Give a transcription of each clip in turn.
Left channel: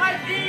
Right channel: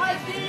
பறக்க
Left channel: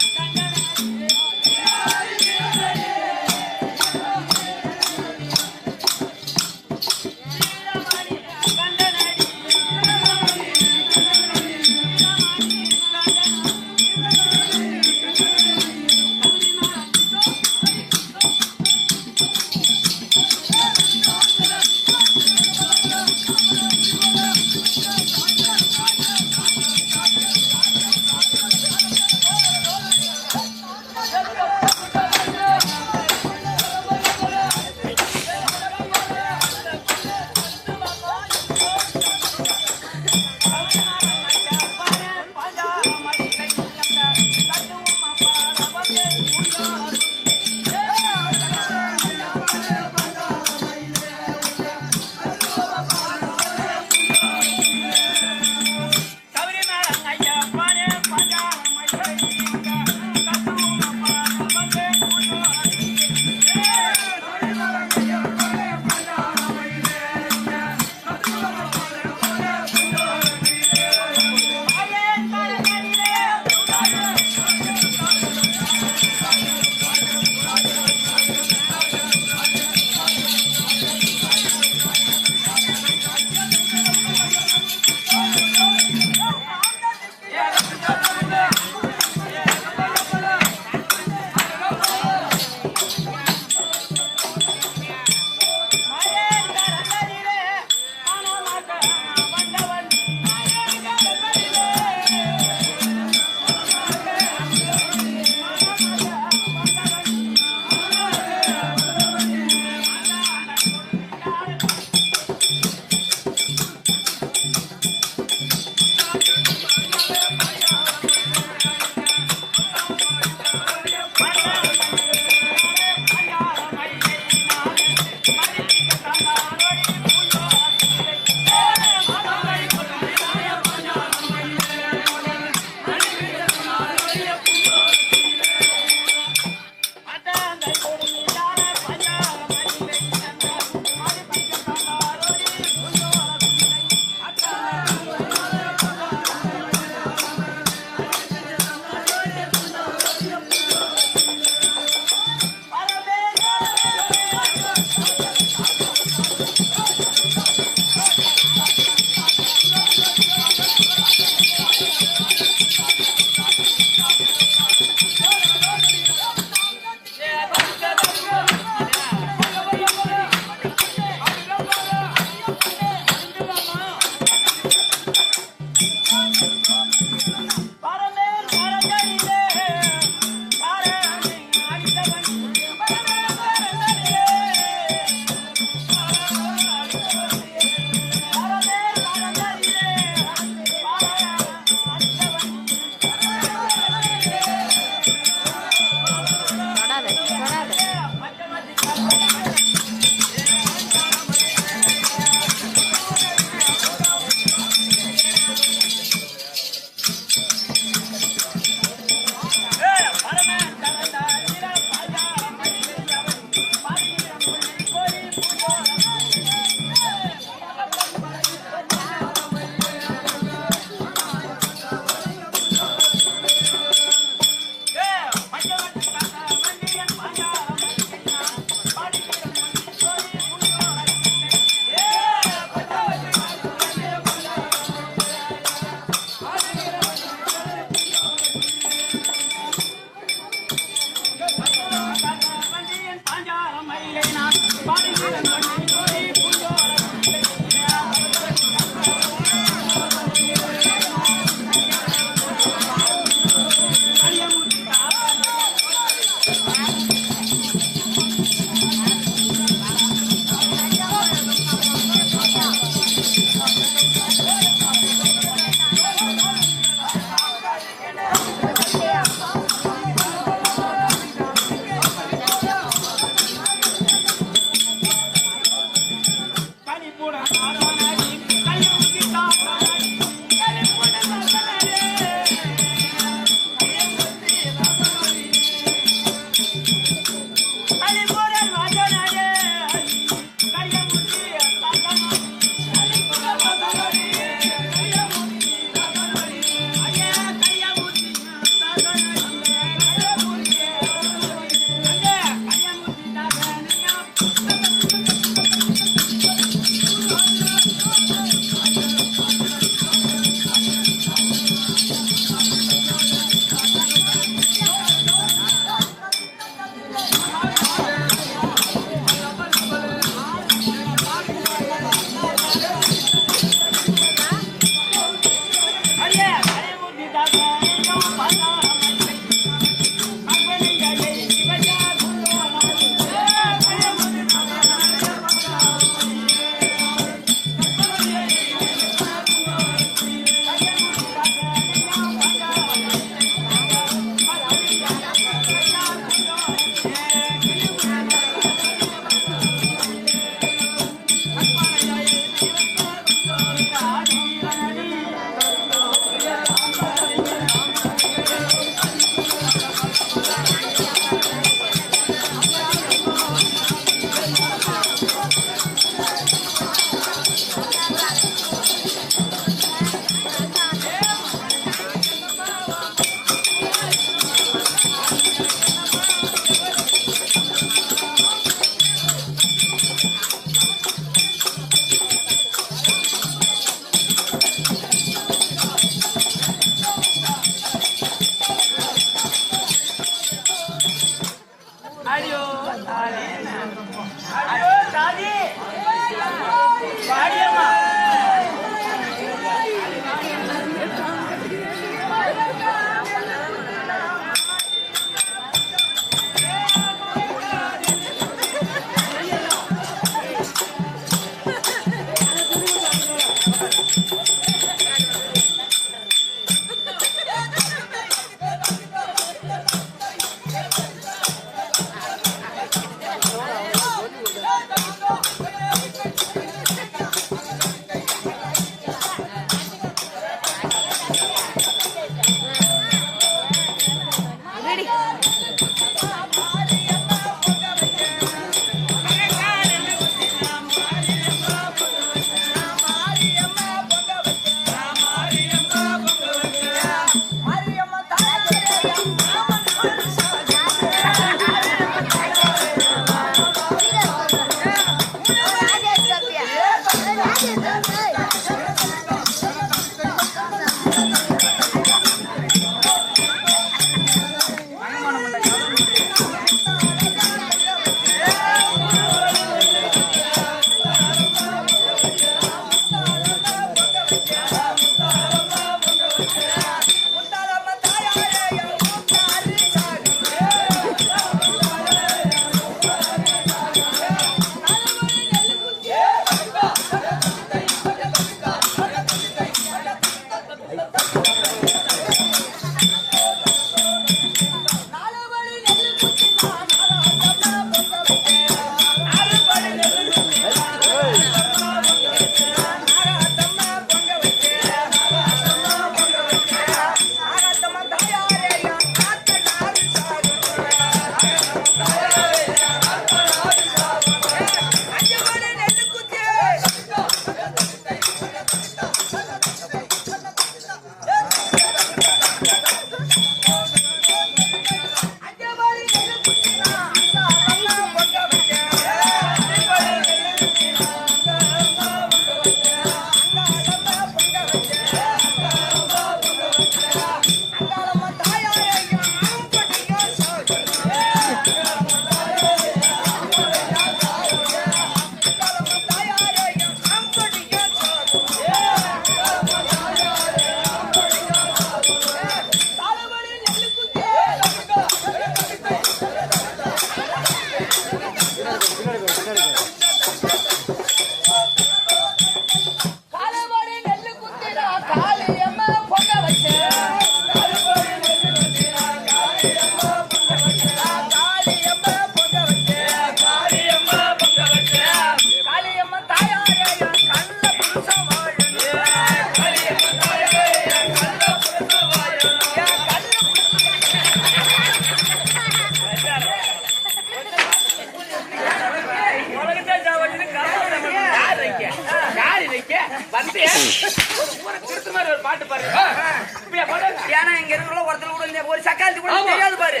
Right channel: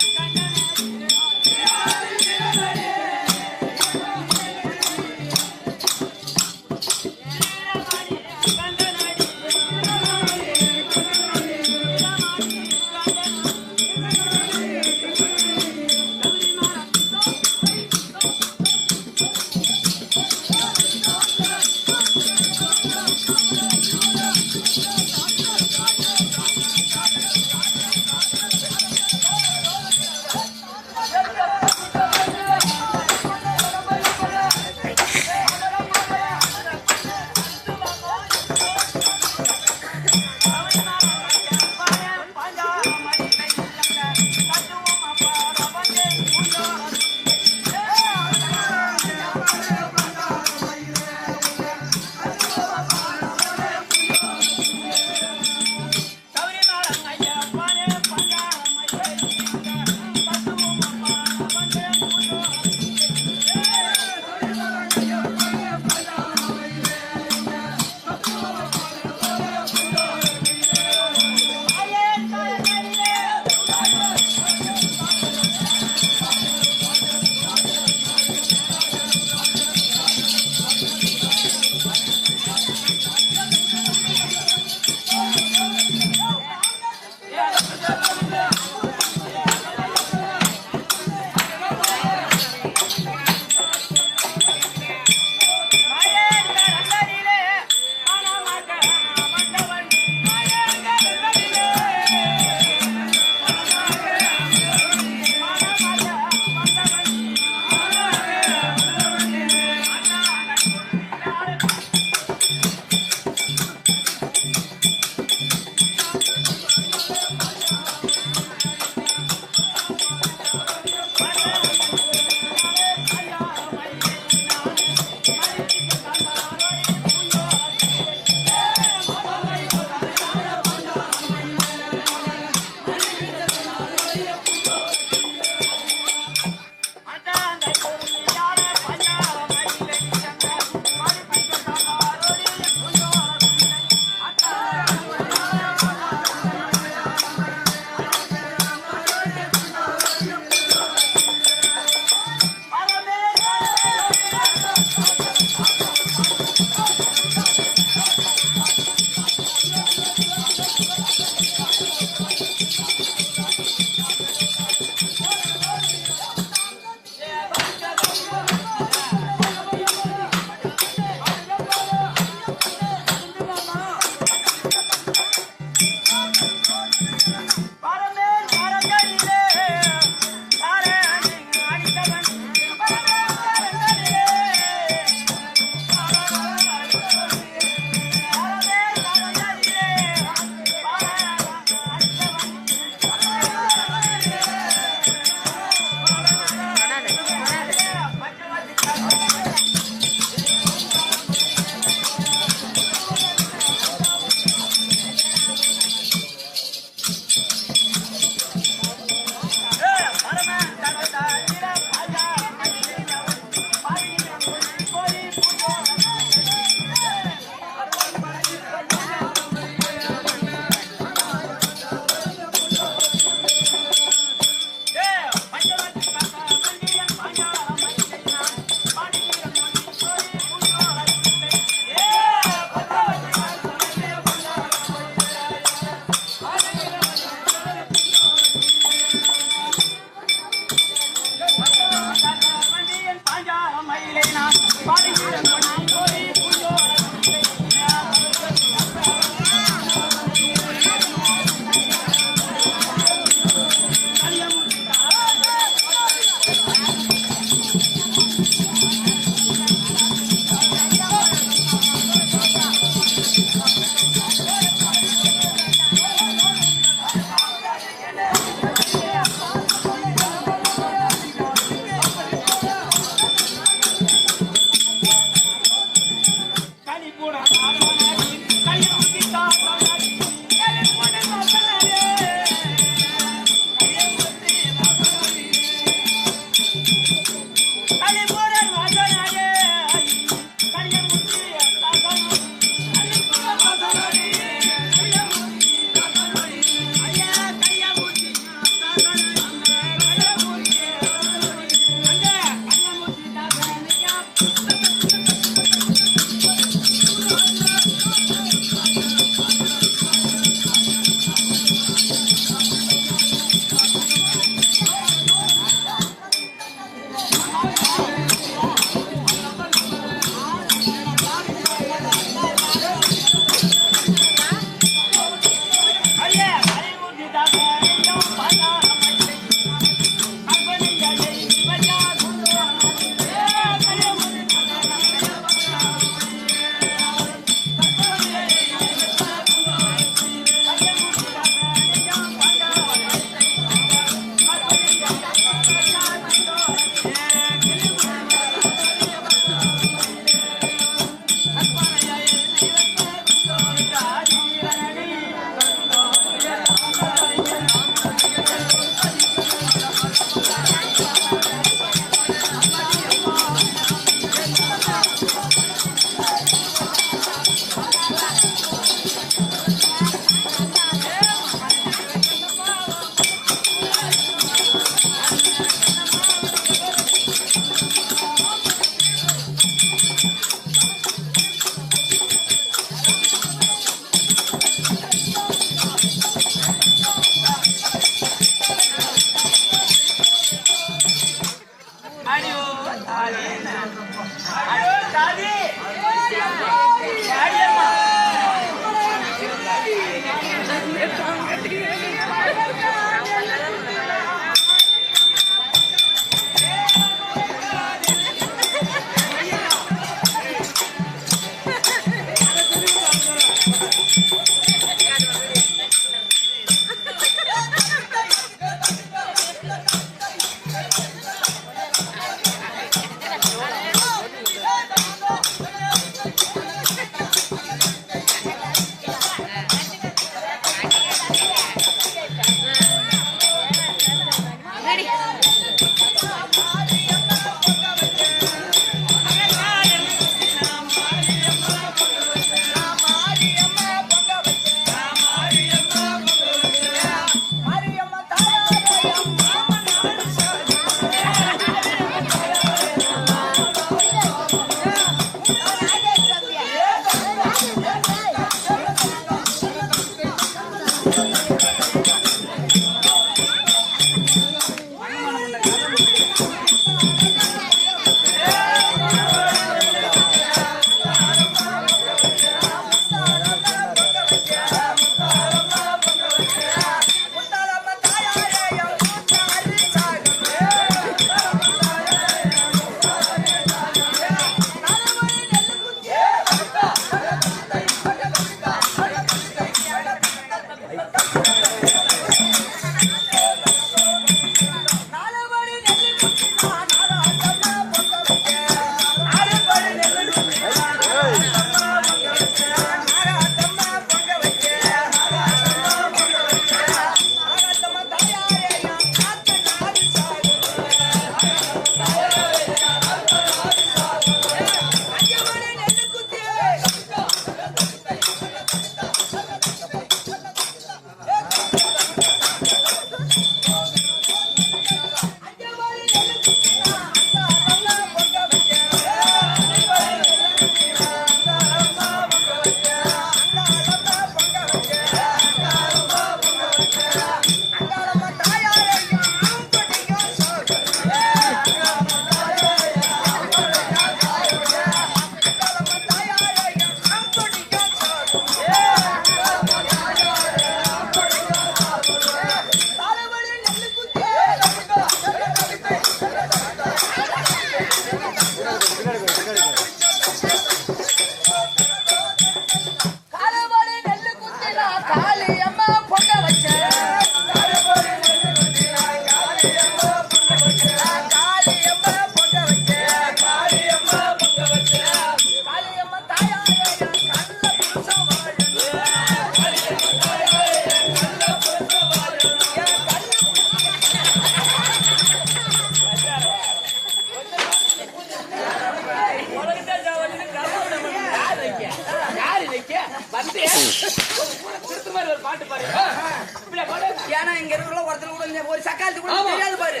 ஒரு சக்காலத்து கூட தெரியாது பாரு.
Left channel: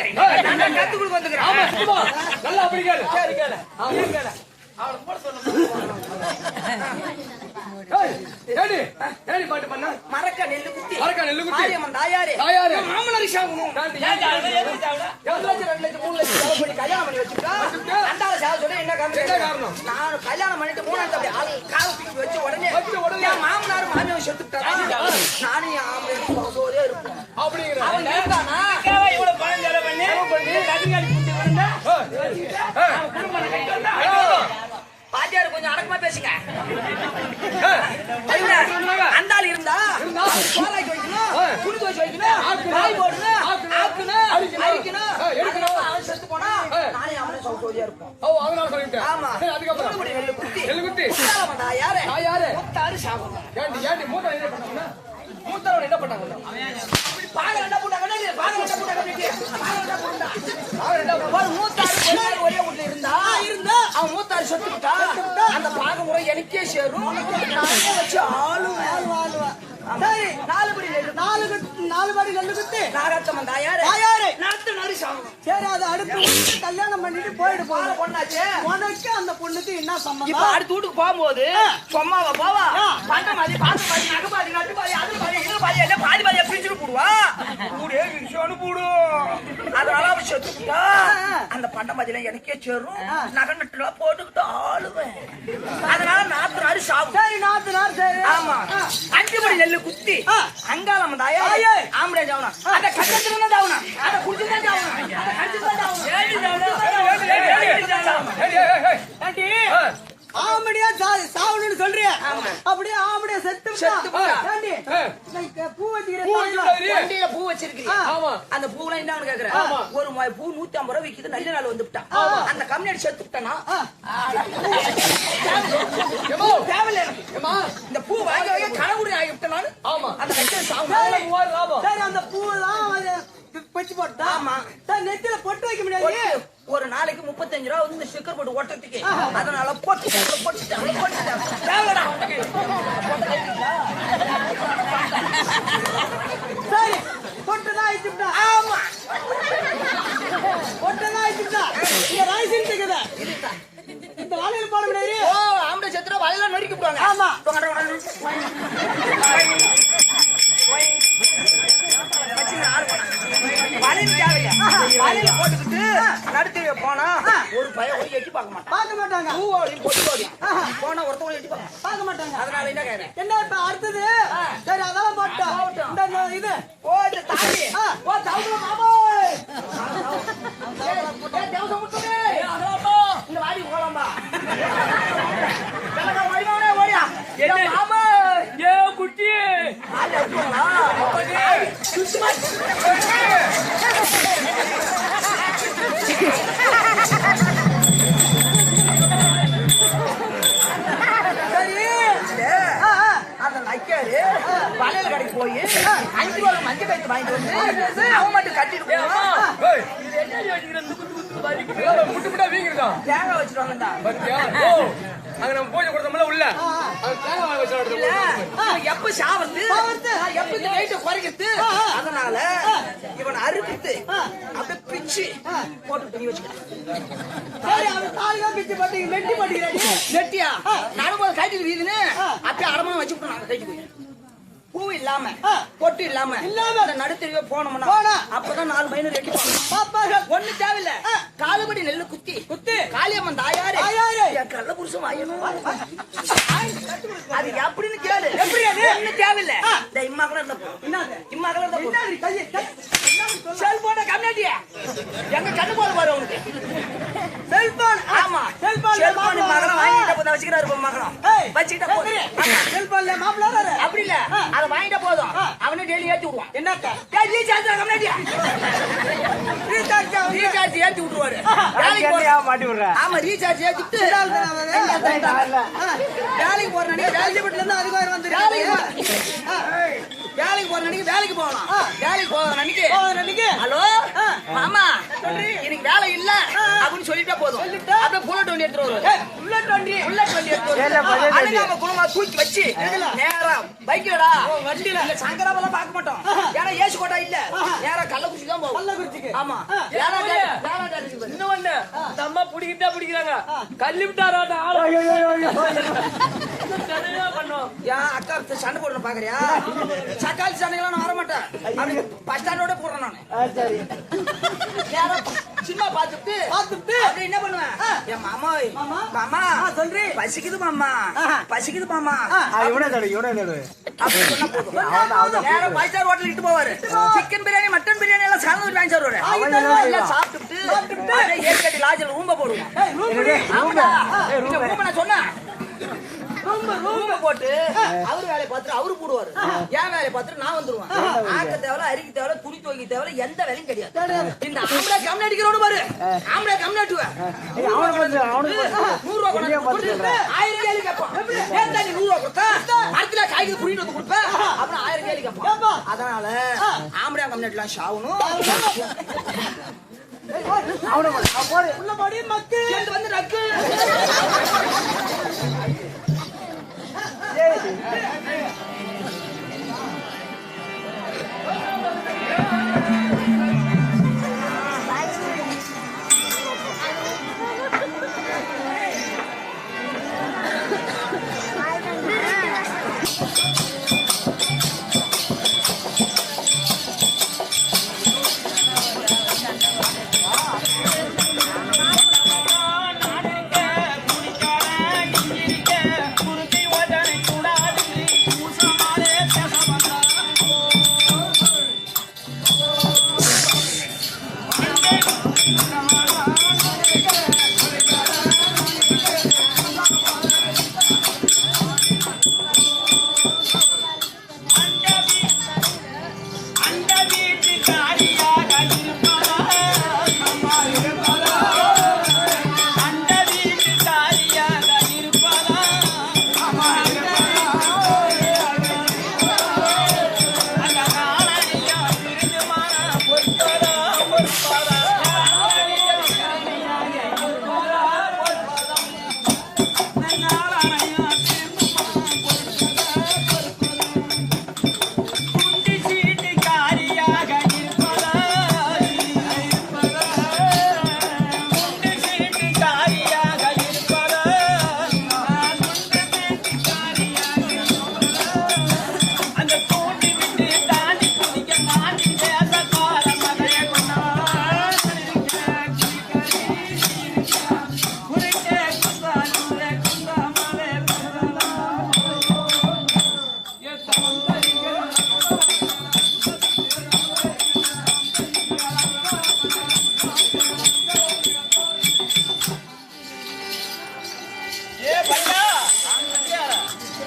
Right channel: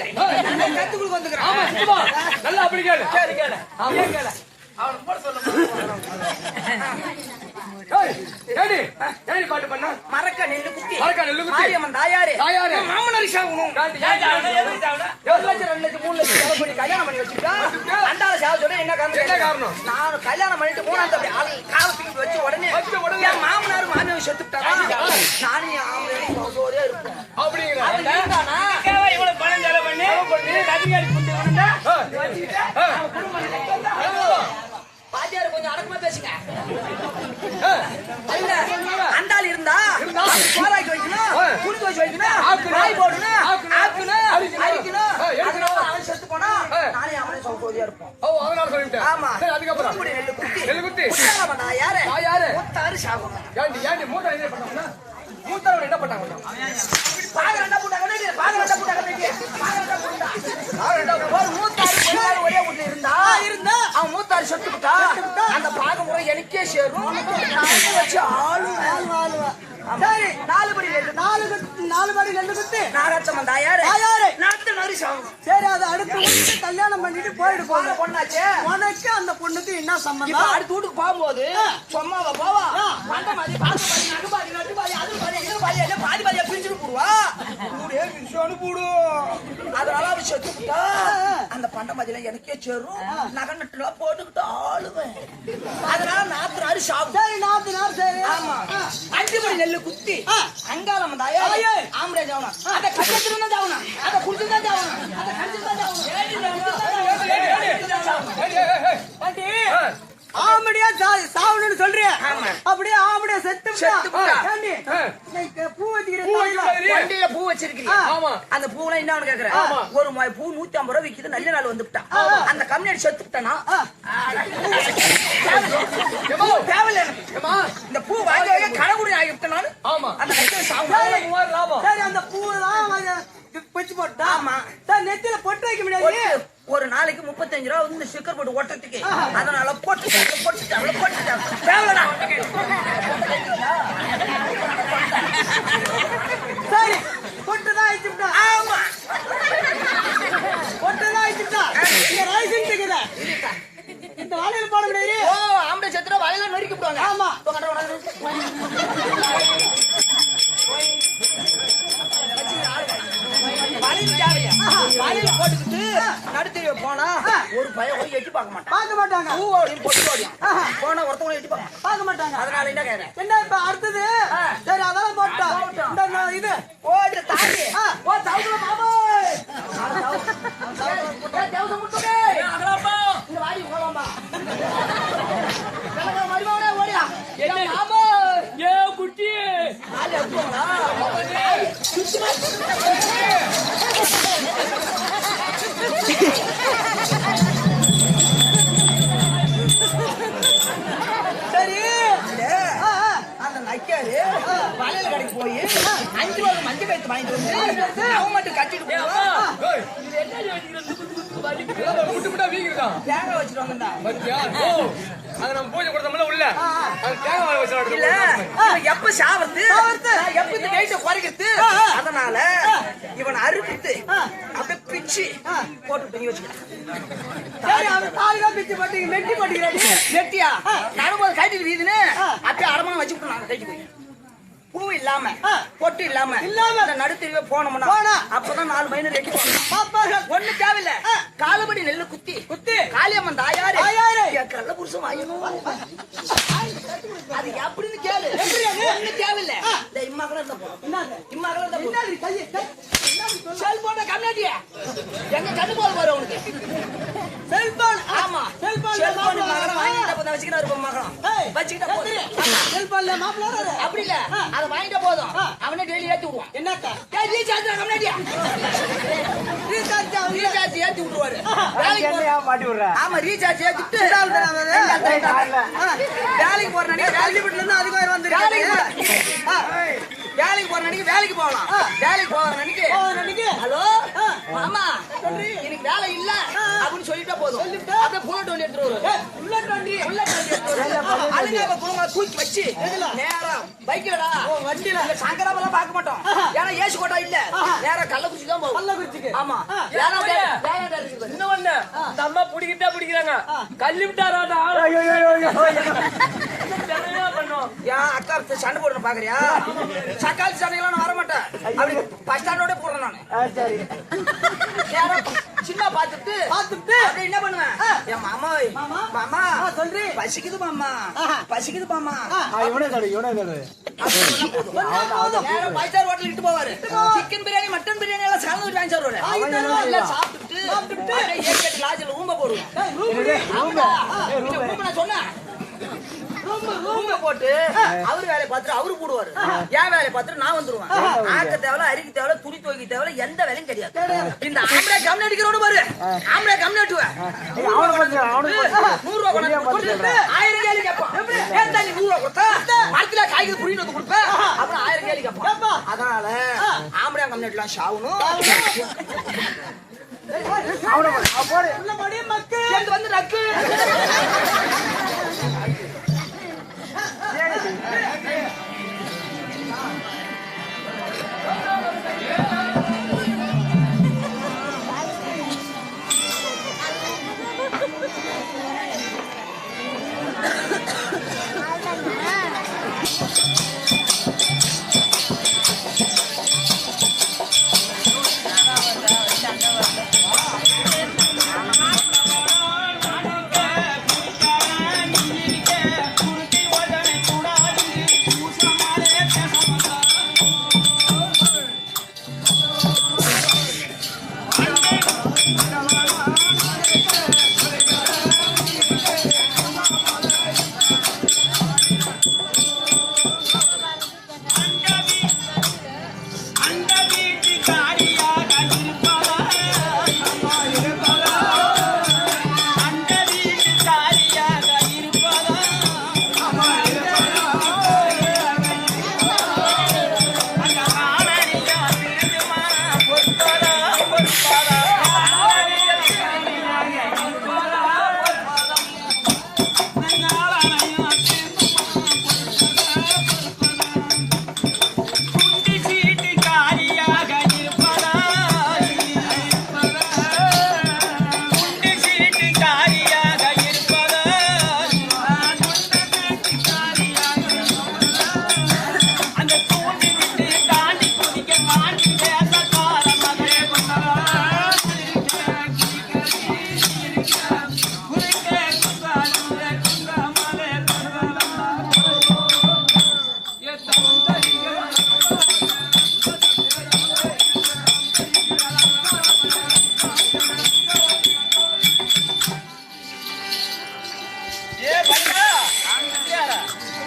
நான் கத்துக்குள்ள வந்துக்கிறேன். நல்லா அப்படி கேளு. சரி கேளு. கேளு. அவன் போட சொல்ல பாட்டு பண்ண மரக்க நெல்லு குத்தி மாரியம்மன் தாயாரே மாமனாரி சாகணும். 1 லட்சம் 2 லட்சம் 3 லட்சம் செலவு பண்ணி கல்யாணம் பண்ணி வச்சுட்டா அண்டால சாக சொல்ல என்ன காரணம்? நான் கல்யாணம் பண்ணிட்டு 3ஆம் தேதி காலத்துக்கு வச்சு உடனே என் மாமனார் மாமியார் செத்துட்டாரா நானும் ஆம்பளை இருப்பேன் அப்படிங்கிற அவன் இருந்தானா இவ்வளவு பணம் செலவு பண்ணி நதிகாரி குண்டு விழுந்தா குடும்பம் கட்டி வந்தா பாத்தியாரு கொஞ்சம் அடக்கமா பேசுங்க. அண்டாள் இருந்தா சோறாக்கி வைக்கணும், குடிக்க வச்சு வைக்கணும், காய் போடணும், ஆக்கணும், அரிக்கணும். அவன் செத்து போனா நானே அவனே சௌகரியா இருப்போம். ஆமா அதுக்கப்புறம் நெல்லு குத்தி யாரு மூத்தாரு சாகணும். மூத்தவன் என்ன பண்ணாங்க? ஒரே வீட்டுல இருந்தா அவன் மூத்தாரு செத்துக்கிட்டா அந்த பாக முறை எனக்கே சேரும். வச்சு ஆளுவேன். சரி 4 படி நெல்லு குத்து நாராச்சம்மன் தாயாரு நாட்டு நரி சாகணும். சரி அதை அடுத்து கல்யாணம் பண்ணிட்டு போயிட்டு போக பொண்ணாச்சு. உனக்கு அந்த பொண்ணுக்கு என்ன சம்பந்தம்? அடுத்த வீட்டுக்கு போகும்போது சொம்மாவ போவா பண்டமாதி பாதி நடுபாதி நட்டுபாதி அது பாதி இது பாதி என்ன பாதி பாதியா பிரிச்சுட்டு போடுவா. கூடே விஷயம்னு போடும். அதனால அவன் செத்துக்கிட்டா அந்த பண்டமாதிலாம் எனக்கே சேரும். நகை நட்டுலாம் போட்டுக்கிட்டு ஆளுவேன். அதனால நாத்து நாறு சாகும். சரி நாத்து நாறு சரி. ஆமா 5 படி நெல்லு குத்தி அங்காளம் தாயா ஆம்பரேஜ் ஆகணும். அந்த கட்டத்துல ஆகணும், அந்த குடிச்சுதான் ஆகணும், அந்த கடிச்சுதான் ஆகணும். ஆம்படியா சாவணும்னு சொல்றியா? அப்படியே ஆம்படியா செத்து பூ வண்டியில பூ வச்சிருக்கீங்க. அந்த பூவெல்லாம் என்ன கேக்குறேன்? ஒரு பூ 150 ரூபாய் விக்குது. நல்ல நாள் வந்துட்டான். அந்த கம்யூனிட்டி செத்து விட்டானா? இந்த பூ வாங்கி கனவுடி ஆகிவிட்டேன் நான். அந்த அந்த பூ தான் வச்சு போட்டா நெத்தில பொட்டு வைக்க முடியாது. ஒரு நாளைக்கு 35 ரூபா வந்து ஸ்டிக்கர் போட்டு ஓட்டத்துக்கு. அதனால போட்டு சரி பொட்டுதான் ஆயிடுச்சுட்டா. ஆமா பொட்டுதான் ஆயிடுச்சுட்டா. இந்த ரைசிங் இருக்குது. இந்த வாழையில போட முடியாது. ஓ ஆம்பளை செத்துறா வாழையில நொறுக்கி போடுவாங்க. ஆமா போட்டுக்கிட்டு நடுத்தீர போனா ஒரு பையன் ஒரு எட்டி பார்க்க மாட்டாங்க. போனா ஒருத்தவங்க எட்டி பார்க்க மாட்டாங்க. அதனால என்ன கேக்குறேன்? என்ன இப்ப அடுத்தது? சரி அதெல்லாம் போட்டோம். இது ஓ இந்த தாடி ஓ தவுல மாமா தேவசம் முட்டுடே அதலப்பா இந்த வாடி போலாமா வெள்ளங்க மடிவானே ஓடியா என்ன மாமா ஏ குட்டி ஆளு அடிச்சோங்களா அப்பனே சுத்தமா சரி அந்த நைக்காரு வளையல் கடைக்கு போய் 5 ரூபாய் மஞ்சள் கயிறு வாங்கிட்டு வந்து அவன் மட்டும் கட்டிட்டு போவான். இது என்ன வச்சுக்கிறேன்? முட்டு முட்டா வீங்கிருக்கான். தேங்காய் வச்சுட்டு வந்தா அங்க நம்ம பூஜை கொடுத்தோம்ல உள்ள தேங்காய் வச்சு எப்ப சாவறது எப்ப இந்த வெயிட்ட குறைக்கிறது? அதனால இவன் அறுப்பிட்டு அப்படியே பிச்சு போட்டு துணி வச்சுக்கிறான். மெட்டி போட்டுக்கிறாங்க. மெட்டியா நடும்போது கைட்டு வீதுன்னு அப்படியே அரமான வச்சு நாங்க கைட்டு போய் பூ இல்லாம பொட்டு இல்லாம நடுத்தெருவே போனோம்னா அப்பதான் 4 மைனு ரெடி ஒண்ணு தேவையில்ல. காலுபடி நெல்லு குத்தி காளியம்மன் தாயாரு கள்ள புருஷன் வாயணும். அது எப்படின்னு கேளு. ஒண்ணு தேவையில்ல. இந்த இம்மாக்கள இருந்த இம்மாக்கள இருந்த செல்போன கம்மியாட்டிய எங்க கண்ணு போல பாரு அவனுக்கு செல்போன். ஆமா செல்போன் மகனம் வாங்கிட்ட போத வச்சுக்கிறாரு மகனம் வச்சுக்கிட்ட போது செல்போன்ல மாப்பிள்ள அப்படி இல்ல அதை வாங்கிட்ட போதும் அவனே டெய்லி ஏத்தி விடுவான். என்னக்கா ரீசார்ஜ் கம்மியாட்டியா ரீசார்ஜ் ஏத்தி விட்டுருவாரு. மாட்டி விடுற. ஆமா ரீசார்ஜ் ஏத்திட்டு வேலைக்கு போற இருந்து அதுக்கு வந்து வேலைக்கு போற நினைக்க வேலைக்கு போகலாம். வேலைக்கு போற நினைக்க ஹலோ மாமா எனக்கு வேலை இல்ல அப்படின்னு சொல்லிட்டா போதும். அப்படியே புல்லட் வண்டி எடுத்துட்டு வருவாரு. அழுகாம குடும்பம் தூக்கி வச்சு நேரா பைக்கடா வண்டியில சங்கராபெல்லாம் பார்க்க மாட்டோம். ஏன்னா ஏசி கோட்டா இல்ல நேரா கள்ளக்குறிச்சி தான் போகும். ஆமா இன்னொன்னு நம்ம பிடிக்கிட்டா பிடிக்கிறாங்க கல்லி விட்டாராட்டா பண்ணோம். ஏன் அக்கா சண்டை போடணும் பாக்குறியா? சக்காளி சண்டைகள்லாம் நான் வர மாட்டேன். அப்படி பஸ் ஸ்டாண்டோட போடுறேன் நானு. சினிமா பாத்துட்டு அப்படி என்ன பண்ணுவேன்? என் மாமா மாமா சொல்றேன் பசிக்குது மாமா பசிக்குது மாமா நேரம் 5 ஸ்டார் ஹோட்டல் இட்டு போவாரு. சிக்கன் பிரியாணி மட்டன் பிரியாணி எல்லாம் சாப்பிட்டு வாங்கி சாப்பிடுவாரு. சாப்பிட்டு ஏற்கட்டி லாஜில் ரூம்ப போடுவோம். நான் சொன்னேன் ரூம்ப போட்டு அவரு வேலையை பார்த்துட்டு அவரு போடுவாரு. என் வேலையை பார்த்துட்டு நான் வந்துருவேன். ஆக்க தேவையில்ல அரிக்க தேவையில்ல துணி துவைக்க தேவையில்ல எந்த வேலையும் கிடையாது. இந்த ஆம்பளை கம்னு அடிக்கிறோடு பாரு ஆம்பளை கம்னு அட்டுவேன். 100 ரூபா கொண்டு 1000 கேள்வி கேட்பான். ஏன் நீ 100 ரூபா கொடுத்தா மரத்துல காய்கறி புரிஞ்சு வந்து கொடுப்பேன் அப்புறம் 1000 கேள்வி கேட்பான். அதனால ஆம்பளை கம்னு அடிக்கலாம் ஷாவணும் வந்து நக்கு குடிக்கார நீ இருக்க குருத்தி ஓதனை கூடாது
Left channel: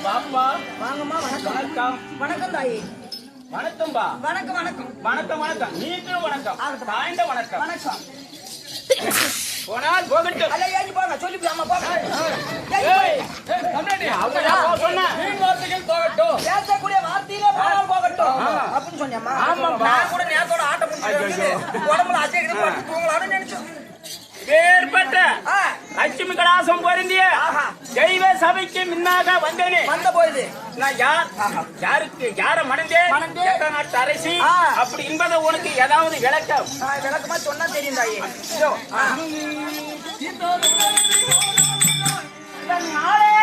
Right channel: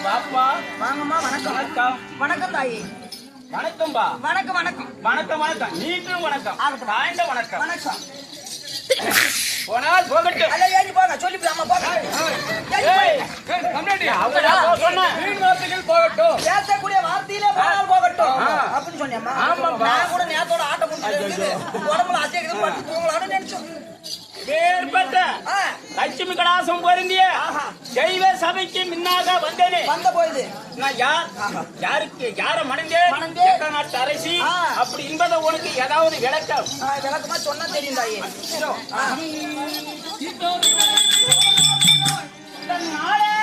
பாப்பா வாங்கம்மா. வணக்கம். வணக்கம். வணக்கம் தாயி. வணக்கம்பா. வணக்கம் வணக்கம். வணக்கம் வணக்கம். நீங்களும் வணக்கம். ஆகட்டும். தாய்ந்த வணக்கம். வணக்கம். போனால் போகட்டும். அல்ல ஏறி போங்க. சொல்லிக்கலாமா போங்க. வீண் வார்த்தைகள் போகட்டும். பேசக்கூடிய வார்த்தையிலே போனால் போகட்டும் அப்படின்னு சொன்னியம்மா. ஆமாம்பா. நான் கூட நேரத்தோட ஆட்டம் முடிச்சு உடம்புல அசைக்குது பட்டு தூங்கலாம்னு நினைச்சோம். வேறுபட்ட லட்சுமி கடாசம் பொருந்திய தெய்வ சபைக்கு முன்னாக வந்தேனே. வந்த போயுது நான் யார், யாருக்கு யார மணந்தேன், மணந்தேன். எந்த நாட்டு அரசி ஆ. அப்படி என்பதை உனக்கு ஏதாவது விளக்கம்? விளக்கமா சொன்னா தெரியும் தாயி. இதோ. நாளே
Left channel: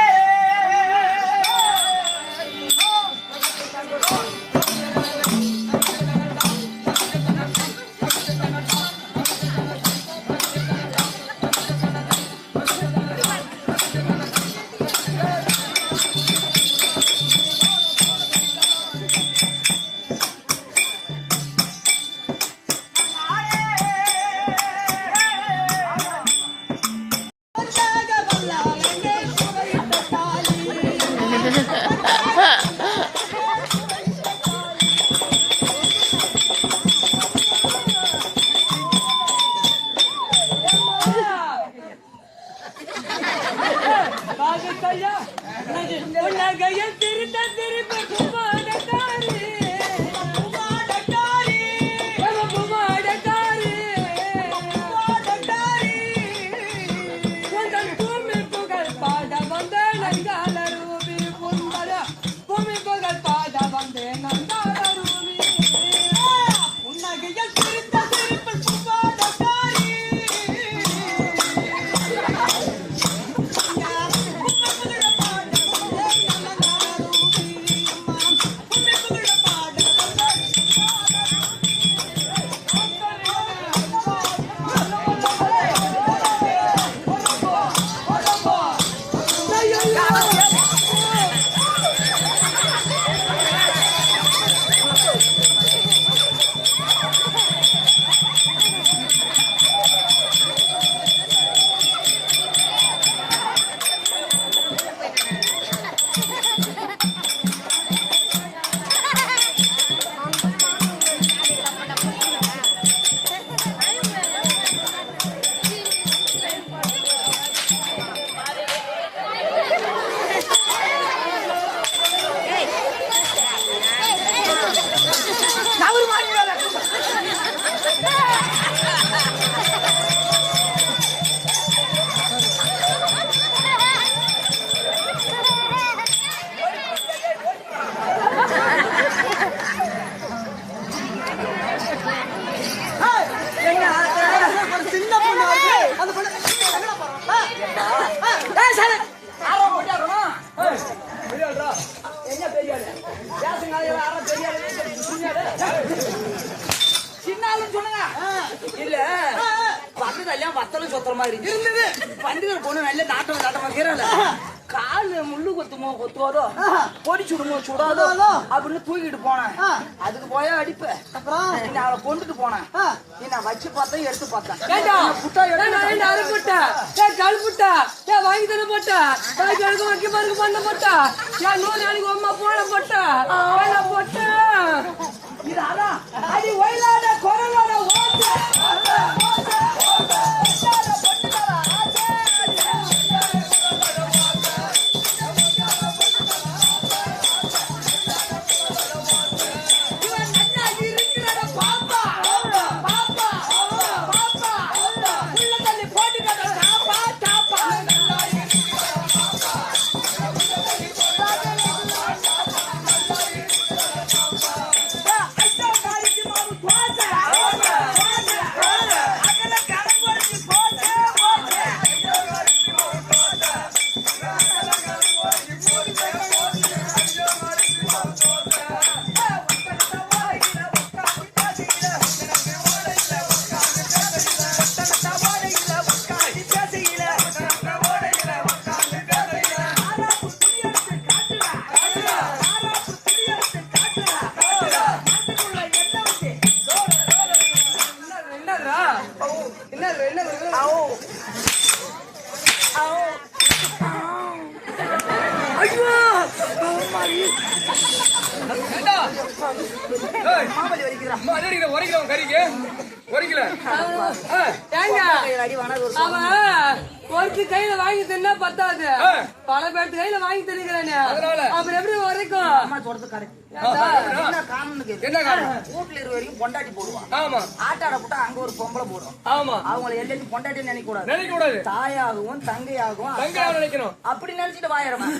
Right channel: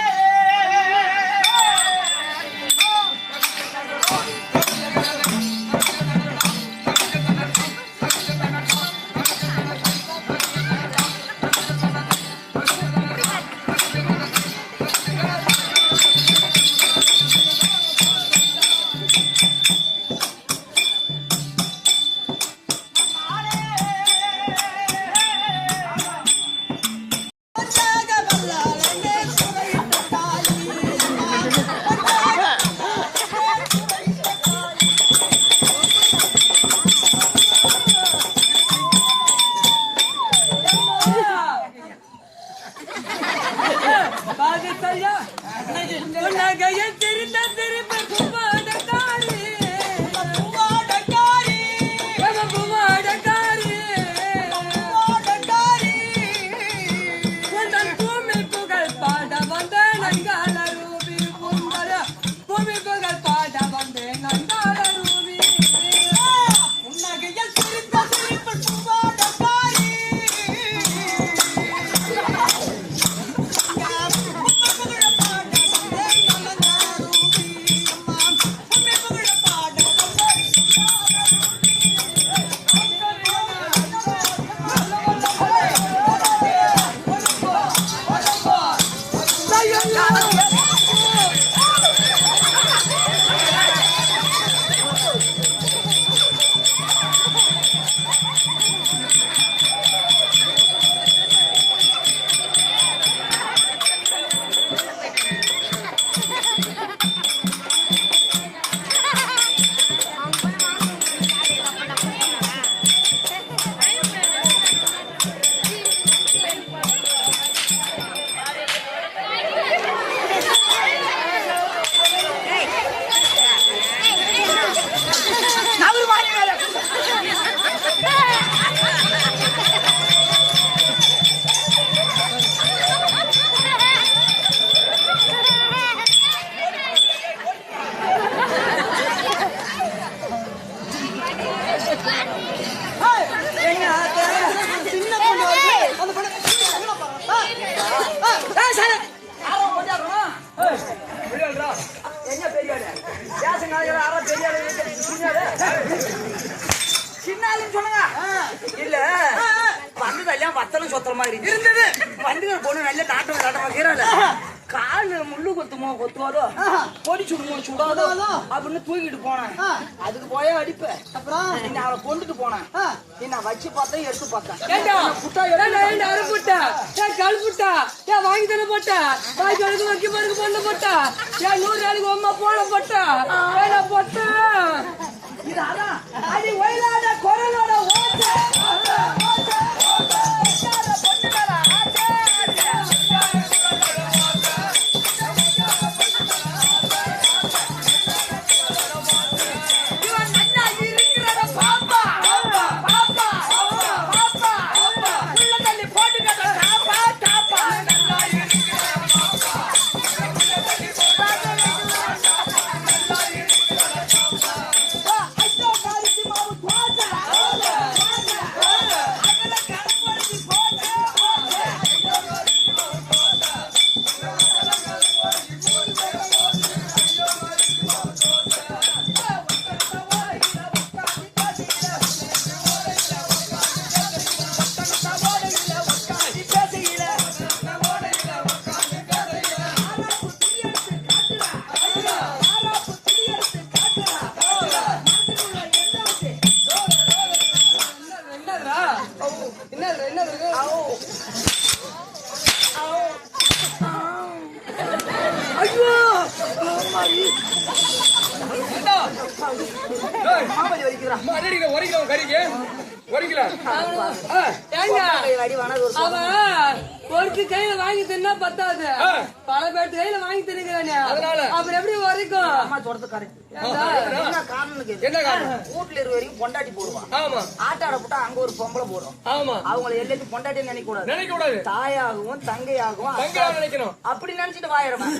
என்ன தெரியாது சின்னாலும் சொன்னங்க இல்ல வந்ததெல்லாம் வத்தலும் சொத்துற மாதிரி இருந்தது. வந்து பொண்ணு நல்ல நாட்டம் நாட்டமா செய்யறல காலு முள்ளு கொத்துவதோ பொடி சுடுமோ சுடாதோ அப்படின்னு தூக்கிட்டு போனேன். அதுக்கு போயா அடிப்ப. அப்புறம் அவளை கொண்டுட்டு போனேன். நான் வச்சு பார்த்தேன், எடுத்து பார்த்தேன். வாங்கி தர போட்டா வைக்க பாருங்க பண்ண போட்டா 100 நாளைக்கு அம்மா போன போட்டா போட்ட அடி ஒயிலாட குரலோட ஓட்டு ஒரு கையில வாங்கி தின்னா பத்தாது, பல பேட்டு கையில வாங்கி தின்னுக்கிறானே, அப்புறம் எப்படி வரைக்கும்? அம்மா சொல்றது கரெக்ட். என்ன காரணம்? வீட்டுல இருக்க வரைக்கும் பொண்டாட்டி போடுவான். ஆமா. ஆட்டாட போட்டா அங்க ஒரு பொம்பளை போடும். ஆமா. அவங்களை எல்லாத்தையும் பொண்டாட்டி நினைக்க கூடாது. நினைக்க கூடாது. தாயாகவும் தங்கையாகவும் நினைக்கணும். அப்படி நினைச்சிட்டு வாயிடுவேன்.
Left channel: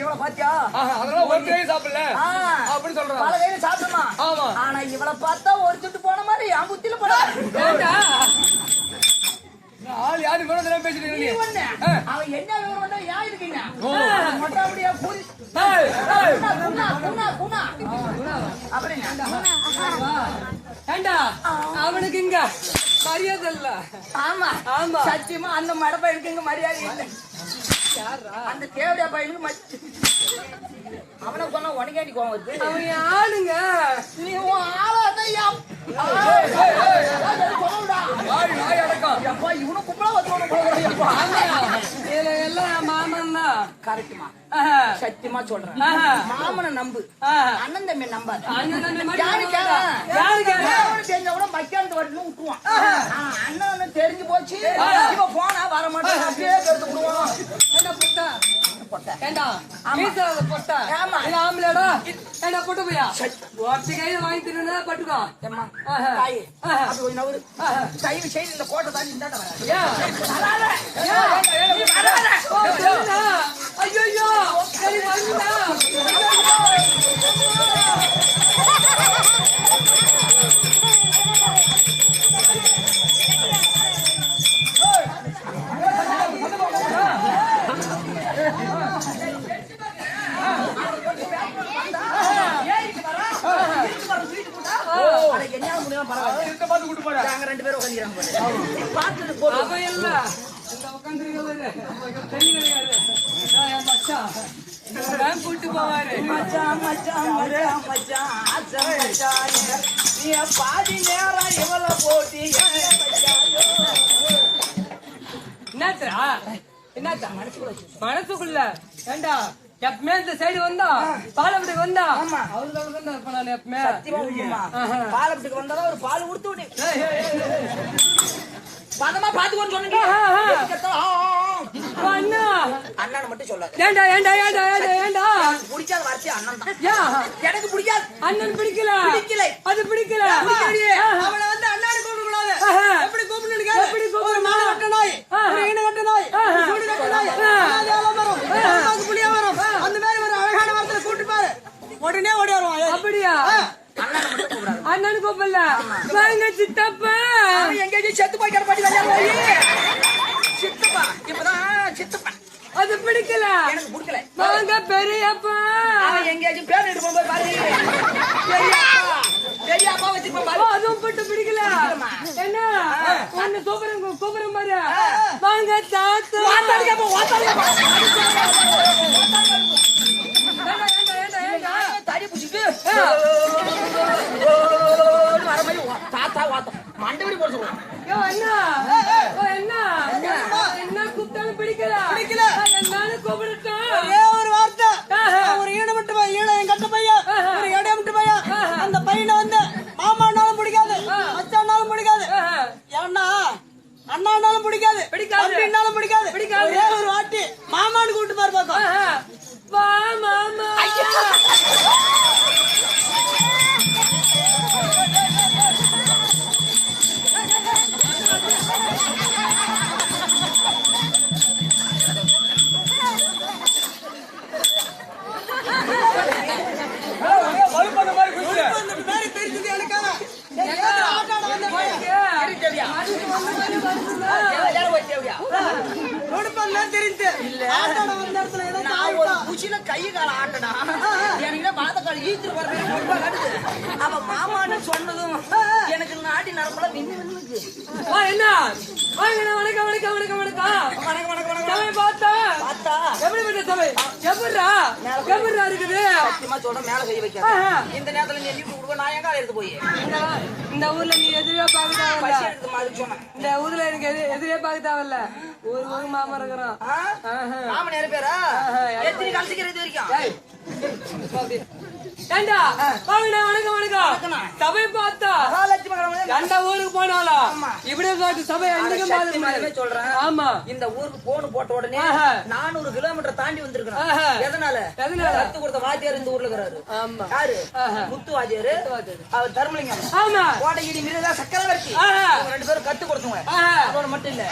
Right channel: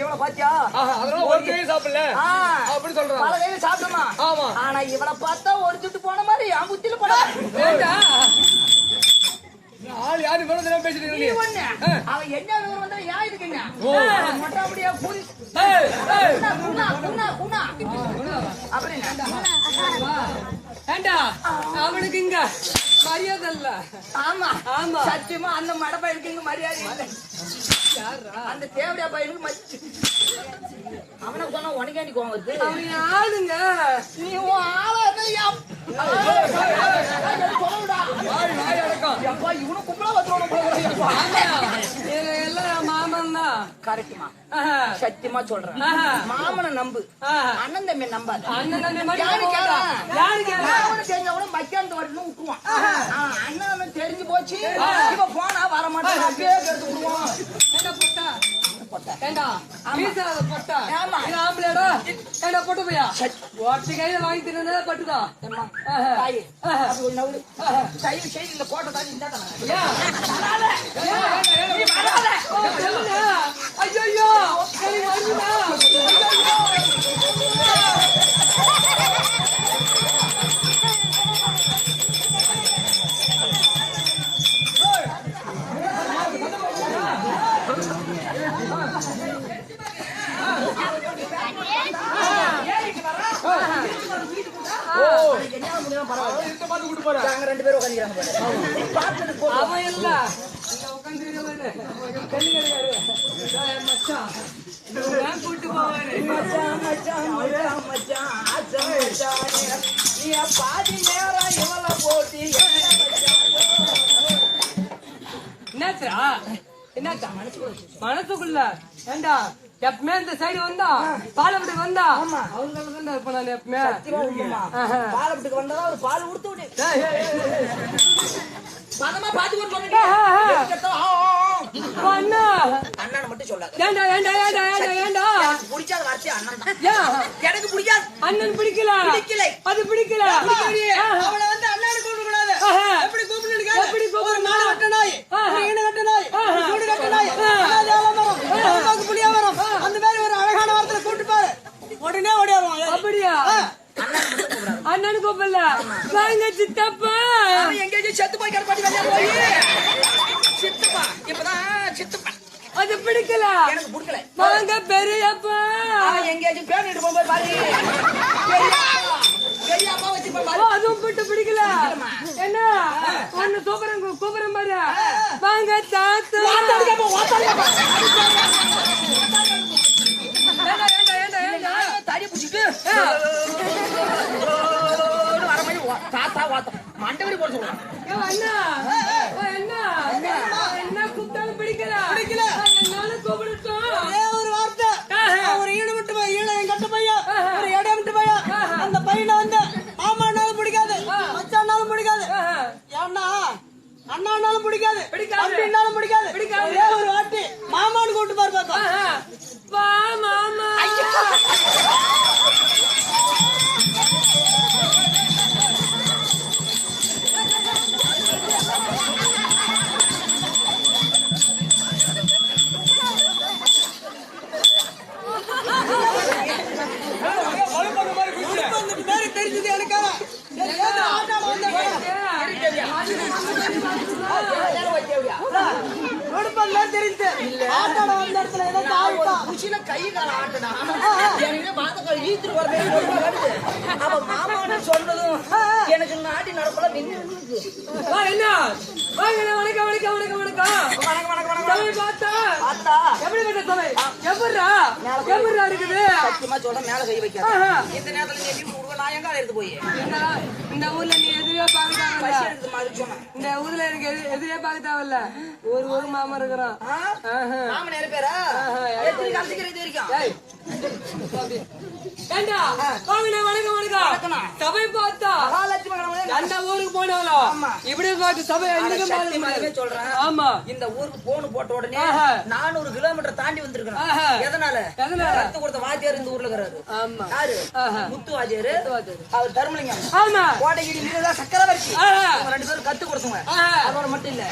இவளை பாத்தியா? அதனால ஒரு கை சாப்பிடல அப்படி சொல்றான். பல கையில சாப்பிடமா. ஆமா. ஆனா இவளை பார்த்தா ஒரு சுட்டு போன மாதிரி என் புத்தியில படாது. ஆள் யாரு மேல பேசிட்டு அவன் என்ன விவரம் வந்தா யா இருக்கீங்க மட்டும் அப்படியே கூடி அப்படின்னா ஏண்டா அவனுக்கு இங்க மரியாதை இல்ல. ஆமா ஆமா சத்தியமா அந்த மட பையனுக்கு இங்க மரியாதை இல்லை. அந்த தேவடியா பையனுக்கு அவனை சொன்னா உனக்காண்டி கோவம் வருது. அவன் ஆளுங்க நீ ஆளாதான் இவனும் கும்பலா எல்லாம் மாமன் தான். கரெக்டுமா சத்தியமா சொல்றேன். மாமனை நம்பு, அண்ணன் தம்பி நம்பாது. தெரிஞ்சவன மக்கியாந்து வரணும் விட்டுருவான். அண்ணன் தெரிஞ்சு போச்சு இப்ப போனா வர மாட்டேன் அப்படியே எடுத்து விடுவான். என்ன பொட்டா ஏண்டா பொட்டா ஆம்பளடா என்ன பொட்டு போயா ஒருத்தி கையில வாங்கி தின்னு பட்டுக்கோ. தயவு செய்து இந்த கோட்டை தாண்டி இந்த ஐயோ ரெண்டு பேரும் கூட்டு போவாரு பாதி நேரம் இவளை போட்டி என்னத்தா மனசுக்குள்ள ஏண்டா எப்பவுமே இந்த சைடு வந்தா பாலப்பட்டுக்கு வந்தா அவங்க இப்ப நான் எப்பவுமே பாலப்பட்டுக்கு வந்தா ஒரு பால் கொடுத்து விடு பதமா பாத்துக்கோன்னு சொன்னீங்க. அண்ணன் மட்டும் சொல்லாது. ஏண்டா ஏண்டா ஏண்டா ஏண்டா ஏண்டா பிடிக்காத வார்த்தை அண்ணன் தான். எனக்கு பிடிக்காது. அண்ணன் பிடிக்கல அது பிடிக்கல. அவளை வந்து அண்ணாடு கூப்பிட கூடாது. எப்படி கூப்பிடுங்க? எப்படி ஒரு மாடு கட்ட நாய், ஒரு ஈன கட்ட நாய், சூடு கட்ட நாய், அனாதை புளியா வரும். அந்த மாதிரி ஒரு அழகான வார்த்தையில கூப்பிட்டு பாரு, உடனே ஓடி வருவான். அப்படியா? அண்ணன் கூப்பிடல வாங்க சித்தப்பா. எங்கேயும் செத்து போய் கிடப்பாட்டி சித்துப்பா. இப்பதான் சித்துப்பா அது பிடிக்கல. எனக்கு பிடிக்கல. வாங்க பெரியப்பா. எங்கேயாச்சும் பேர் எடுத்து போகும்போது பாருங்க பெரியப்பா வச்சு அதுவும் போட்டு பிடிக்கல. என்ன ஒன்னு கூப்பிடுற மாதிரி வாங்க தாத்தா. தடி பிடிச்சிட்டு வர மாதிரி தாத்தா வாத்தம் மண்டபடி போட சொல்லுவான். என்ன கூப்பிட்டாலும் பிடிக்கல. என்னாலும் கூப்பிடுட்டோம். ஒரு வார்த்தை, ஒரு ஈன விட்டு ஈன கட்ட பையன், ஒரு இடம் விட்டு பையன், அந்த பையனை வந்து காமி. ஒரு வாட்டி மாமான்னு கூப்பிட்டு பாரு பாக்கலாம். வா மாமா. வலுப்பந்த மாதிரி குதிச்சு. அந்த பேரு தெரிஞ்சது எனக்காக. மாமான்னு சொன்னதும் எனக்கு நாட்டி நடப்பல என்ன வணக்கம் வணக்கம் வணக்கம் வணக்கம். சபை பார்த்தா எப்படிப்பட்ட சபை? எப்படிடா இருக்குது? சத்தியமா சொல்ற மேல கை வைக்க இந்த நேரத்துல நான் எங்க எடுத்து போய் இந்த ஊர்ல நீ எதிரே பார்க்க தேவையில்ல. எடுத்து மாதிரி சொன்னேன். இந்த ஊர்ல எனக்கு எதிரே பார்க்க தேவையில்ல. ஒரு மாமா இருக்கிறோம். மாமன் நேர பேரா எத்தனை கலசிக்கிற இது வரைக்கும் ஏண்டா வணக்கம் வணக்கம். சபை பார்த்தா எந்த ஊருக்கு போனாலும் இப்படியே காட்டு சபை எங்க சொல்றேன். ஆமா இந்த ஊருக்கு போன் போட்ட உடனே 400 கிலோமீட்டர் தாண்டி வந்திருக்கணும். எதனால கத்து கொடுத்த வாத்தியார் இந்த ஊர்ல இருக்கிறாரு. ஆமா யாரு? முத்து வாத்தியாரு. அவர் தர்மலிங்கம். ஆமா கோட்டைகிரி மிருதா சக்கரவர்த்தி. ரெண்டு பேரும் கத்து கொடுத்தவங்க. அவரோட மட்டும் இல்ல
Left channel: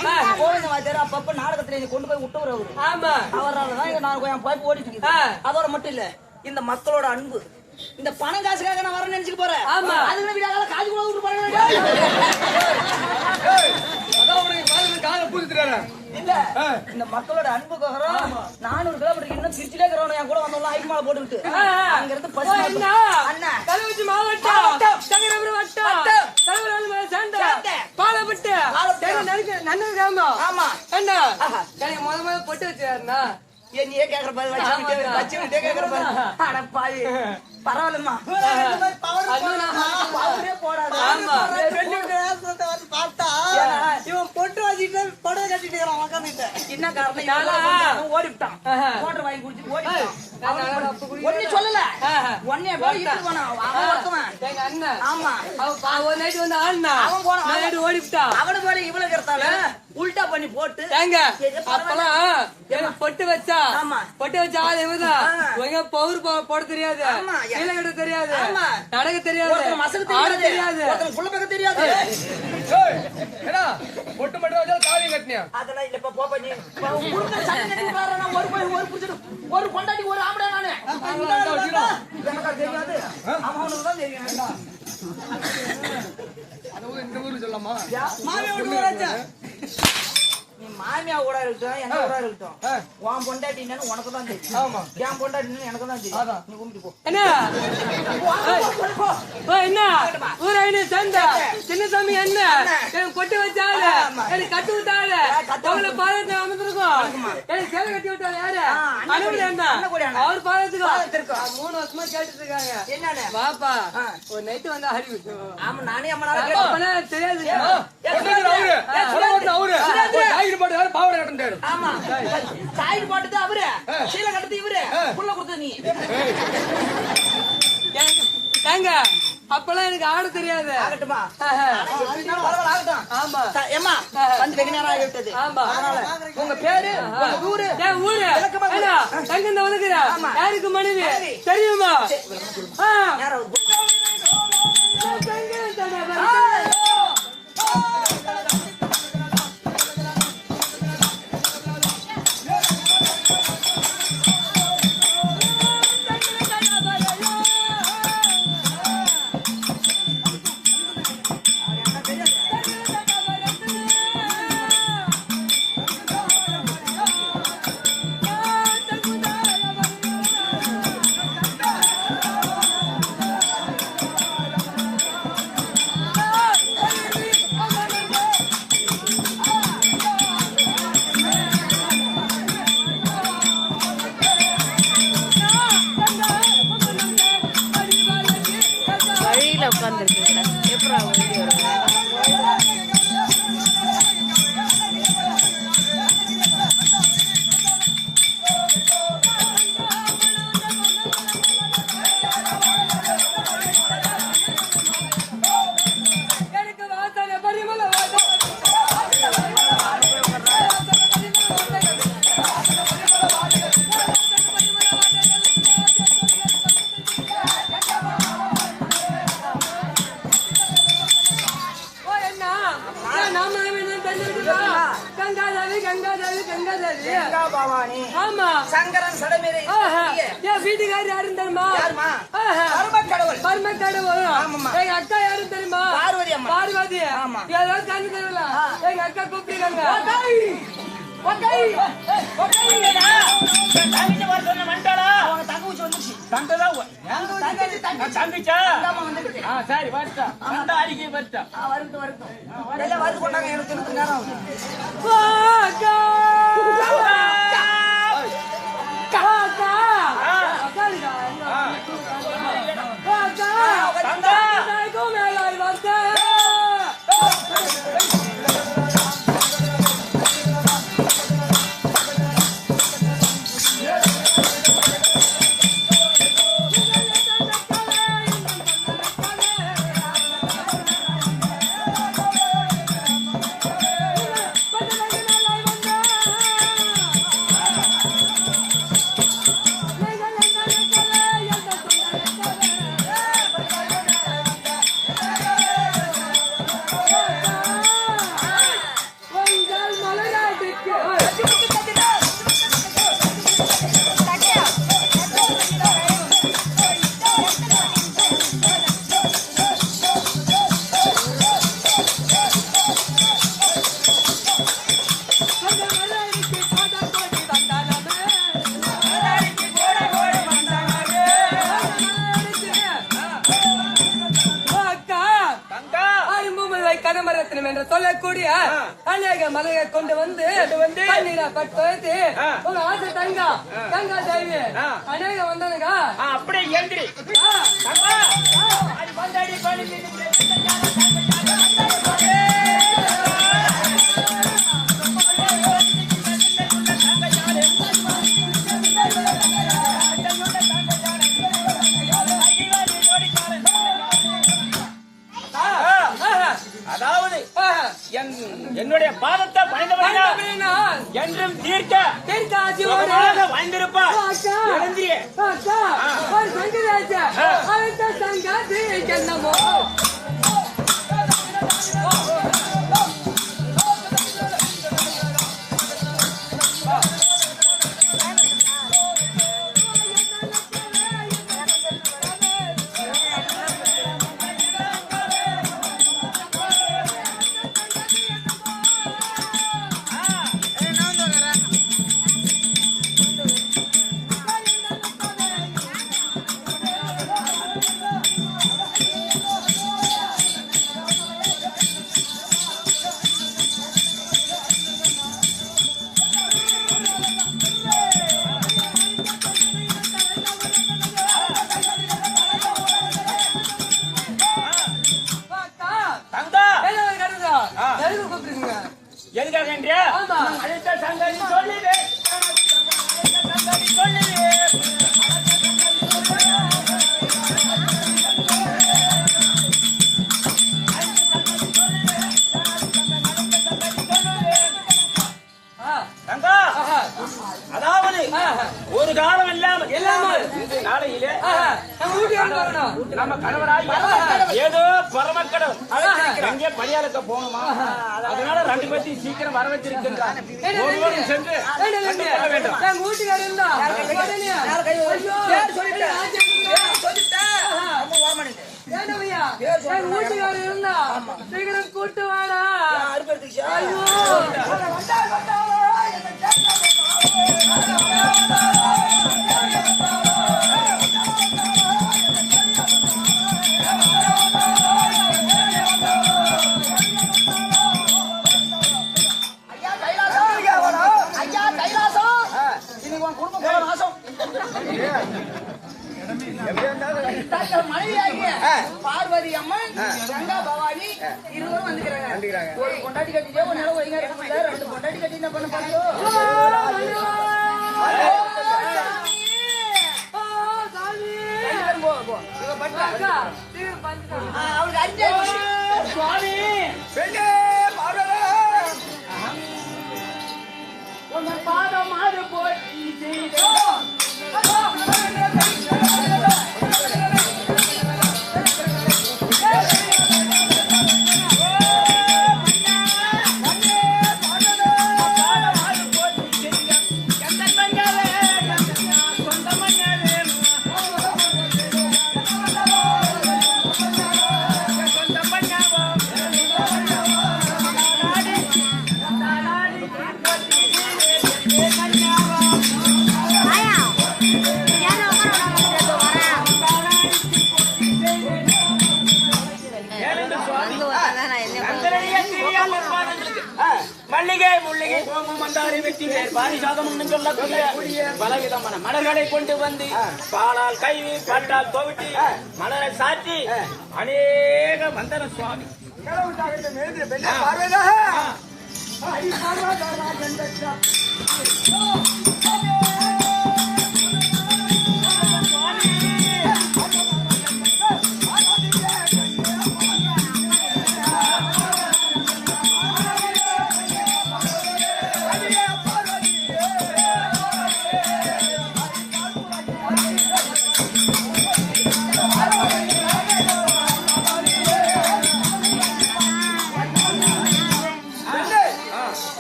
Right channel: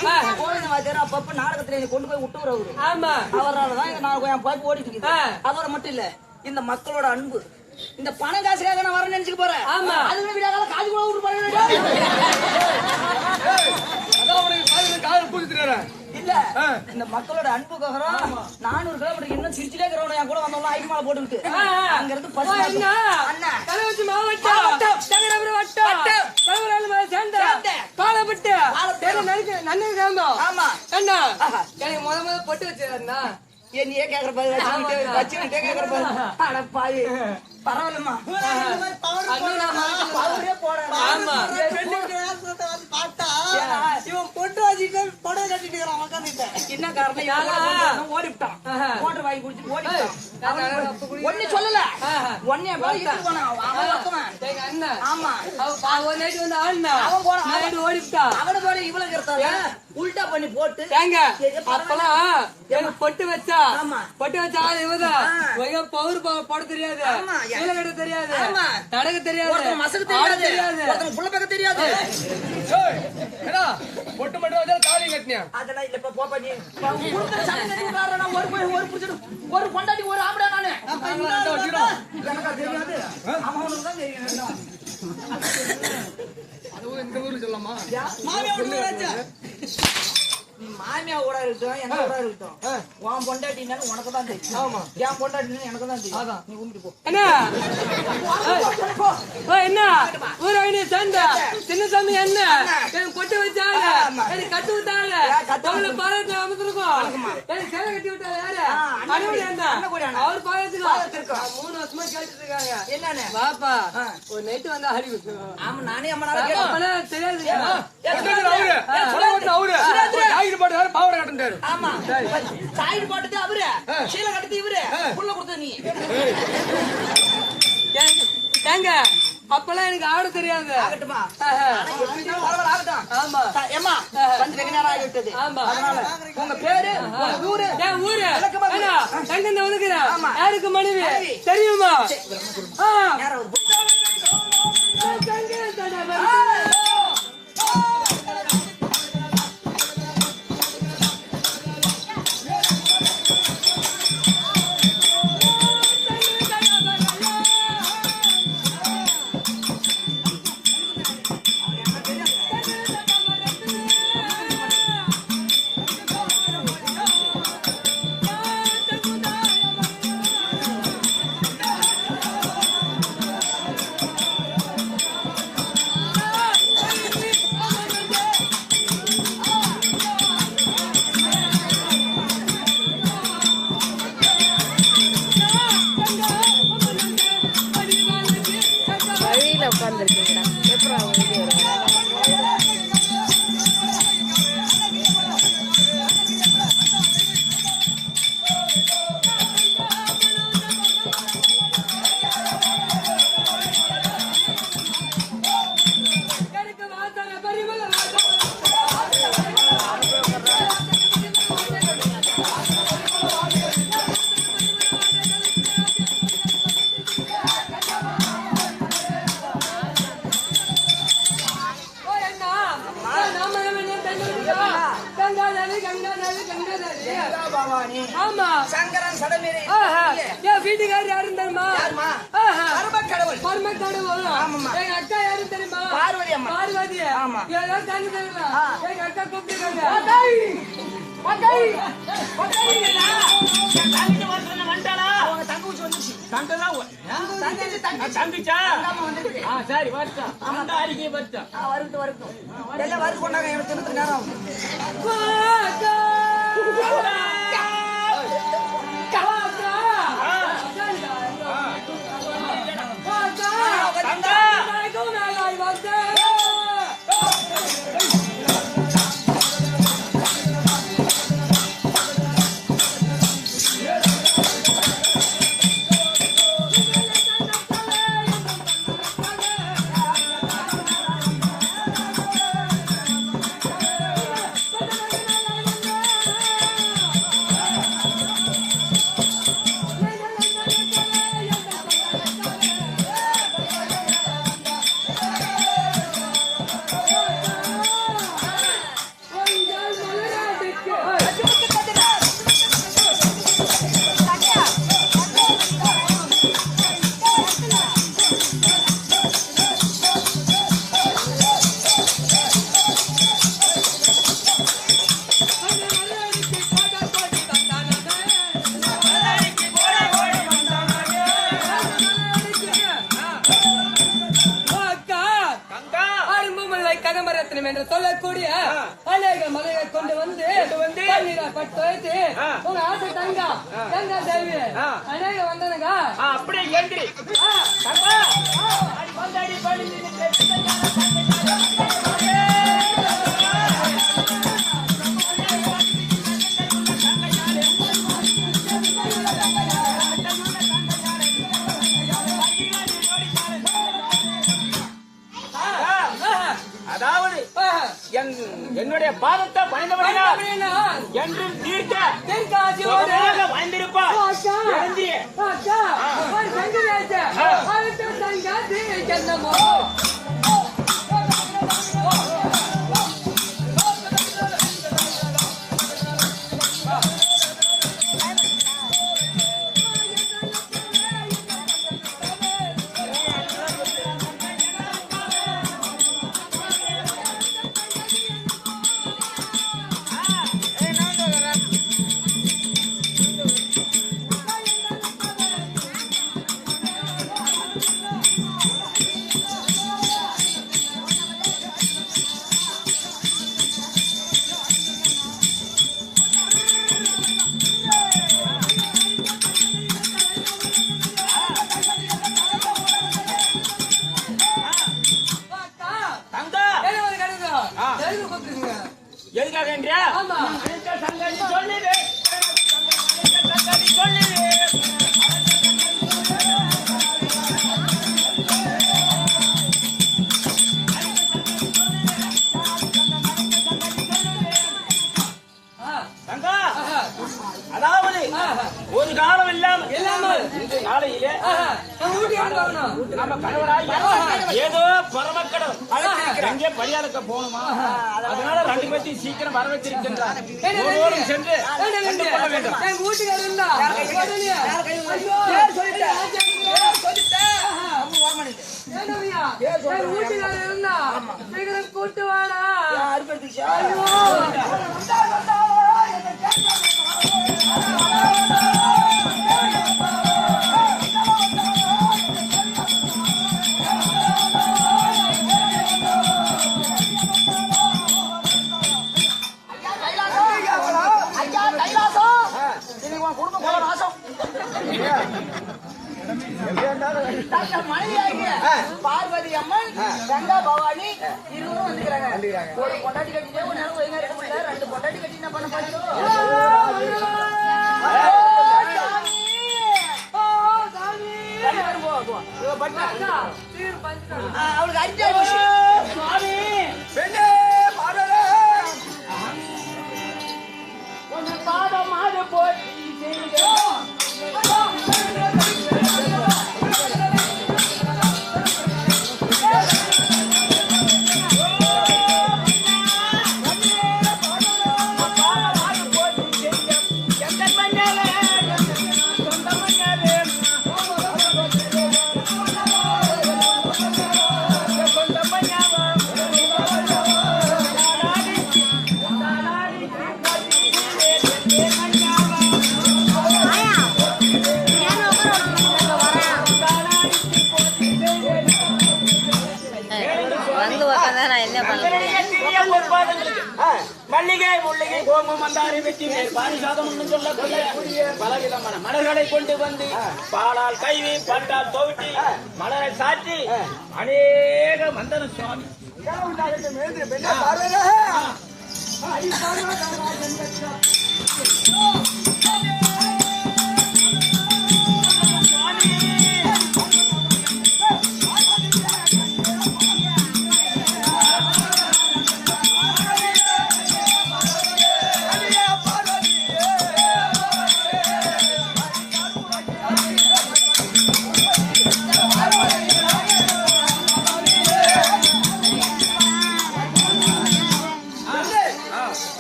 கோவிந்த வாத்தியார் அப்பப்ப நாடகத்துல கொண்டு போய் விட்டுவர் அவரு. ஆமா அவராலதான் நான் என் பாய்ப்பு ஓடிட்டு இருக்குது. அதோட மட்டும் இல்ல இந்த மக்களோட அன்பு இந்த பணம் காசுக்காக நான் வரேன்னு நினைச்சுக்க போறேன். அதுக்கு விடாத காசு கூட விட்டு போறேன். அதான் உனக்கு காதுல பூசிட்டுறாரு. இல்ல இந்த மக்களோட அன்புக்கோசரம் 400 கிலோமீட்டர் இன்னும் திருச்சிலே இருக்கிறவங்க என் கூட வந்தவங்க ஐமாவை போட்டுக்கிட்டு அங்க இருந்து பஸ் அண்ணன் தலைவச்சி மாவட்டம் தங்கரபுரம் வட்டம் தலைவரால் சேர்ந்த பாலப்பட்டு நன்மை கிராமம். ஆமா என்ன எனக்கு முத பொட்டு வச்சாருண்ணா நீயே கேக்குற வச்சுக்கிட்டே கேக்குற பாவி பரவாயில்லம்மா பார்த்தா இவன் பொட்டு வச்சுட்டு புடவை கட்டிட்டு உட்காந்துட்டேன். என்ன காரணம்? ஓடிவிட்டான். மோட்டர் வாங்கி குடிச்சு ஓடிவிட்டான். ஒண்ணு சொல்லல ஒன்னே அண்ணன் ஆமா ஒரு நைட்டு வந்து ஆடினா அவன் போனான் ஓடிவிட்டான். அவனுக்கு வேற இவ்வளவு கருத்தால உல்டா பண்ணி போட்டு ஏங்க அப்பெல்லாம் பொட்டு வச்சா ஆமா பொட்டு வச்சா இவங்க பவுர் போட தெரியாது, கீழே கட்ட தெரியாது, நடக்க தெரியாது, ஆட தெரியாது, புள்ள பக்க தெரியாது. பொட்டு மட்டும் வச்சா காலி கட்டினியா? அதெல்லாம் இல்லப்பா போப்பா நீ ஒரு பொண்டாட்டி ஒரு ஆம்பளை நானே எனக்கு தெரியாது. அவனுக்கு தான் தெரியும். அது இந்த ஊருக்கு சொல்லலாமா? நீ மாமியா கூட இருக்கட்டும் என்ன கூட இருக்கட்டும் உன் பொண்டாட்டின்னு உனக்கு தான் தெரியும். ஆமா என் பொண்டாட்டின்னு எனக்கு தான் தெரியும். நீ கும்பிட்டு போ. என்ன ஊராயினு சண்டை சின்னசாமி என்ன பொட்டு வச்சாரு எனக்கு கட்டி விட்டாரு பாதத்தை அமைச்சிருக்கோம். எனக்கு சேலை கட்டி விட்டாரு யாரு? அனுமதி என்ன அவர் பாதத்துக்கு 3 வருஷமா கேட்டுட்டு இருக்காங்க. என்னன்னு பாப்பா ஒரு நைட்டு வந்தா ஹரி ஆமா நானே அம்மா தெரியாது. அவரு பாவடை கட்டுறாரு. ஆமா சாயிடு பாட்டுது அவரு கீழே கட்டுது இவரு புள்ள கொடுத்தது நீ. ஏங்க அப்பெல்லாம் எனக்கு ஆட தெரியாது. ஆகட்டுமா பரவாயில்ல ஆகட்டும். ஆமா ஏமா வந்து வெகு நேரம் ஆகிவிட்டது. ஆமா உங்க பேரு உங்க ஊரு என் ஊரு தங்க வந்துக்கிறேன். யாருக்கு மனைவி தெரியுமா? வழியில உட்காந்துருக்கீங்கடா எப்படா வழி வருங்க? எனக்கு வாசனை பரிமள வாசனை கங்காதாரி. கங்கா பவானி ஆமா. சங்கரன் சடமேறி என் வீட்டுக்காரர் யாருன்னு தெரியுமா? யாருமா? கடவுள் பரம கடவுள். ஆமாம்மா. எங்க அக்கா யாருன்னு தெரியுமா? பார்வதி அம்மா. பார்வதி. ஆமா. ஏதாவது தண்ணி தருவா? எங்க அக்கா கூப்பிட்டுருக்காங்க. தங்கிச்சா சரி வருத்தம் அந்த அறிக்கை வருத்தம் வருத்தம் எல்லாம் வருது கொண்டாங்க எனக்கு நேரம் ஆகுது. கதமரத்தினம் என்று சொல்லக்கூடிய அநேக மலையை கொண்டு வந்து பன்னீரை பட்டு வைத்து உங்க ஆசை தங்கா தங்கா தேவி அநேக வந்தானுங்க. அப்படியே எந்திரி அதாவது என்னுடைய பாதத்தை பணிந்தவர்கள் என்றும் தீர்க்க வாழ்ந்திருப்பா என்னமோ எதுக்காக என்றியா சங்கடி சொல்லுது அதாவது ஒரு காலம் இல்லாமல் இந்த நாளையிலே நம்ம கணவராய் ஏதோ பரமக்கடவுள் எங்கே பரியாளுக்க போகணுமா, அதனால ரெண்டு பேர்த்தையும் சீக்கிரம் வர வச்சிருக்கின்றார். சென்று எங்க வீட்டுக்காரர் இருந்தா வீட்டுக்காரர் இருந்தா சீக்கிரம் கூட்டு வாடா. ஐயோ பார்வதி அம்மன் கங்கா பவானி இருவரும் வந்துக்கிறாங்க. ஒரு பொண்டாட்டி கட்டிட்டே ஒரு நேரம் வைங்க ரெண்டு பொண்டாட்டி கட்டி என்ன பண்ண அவளுக்கு அடிச்சா சுவாமி பெண்ணே பாதம் மாறு போய் மல்லிகை முல்லிகை கோமம் மந்தாரி வெட்டி வேர் பாரிசாதம் சொல்லக்கூடிய பலவிதமான மலர்களை கொண்டு வந்து பாலால் கைவி பட்டால் துவட்டி மலரை சாற்றி அநேக வந்தன சுவாமி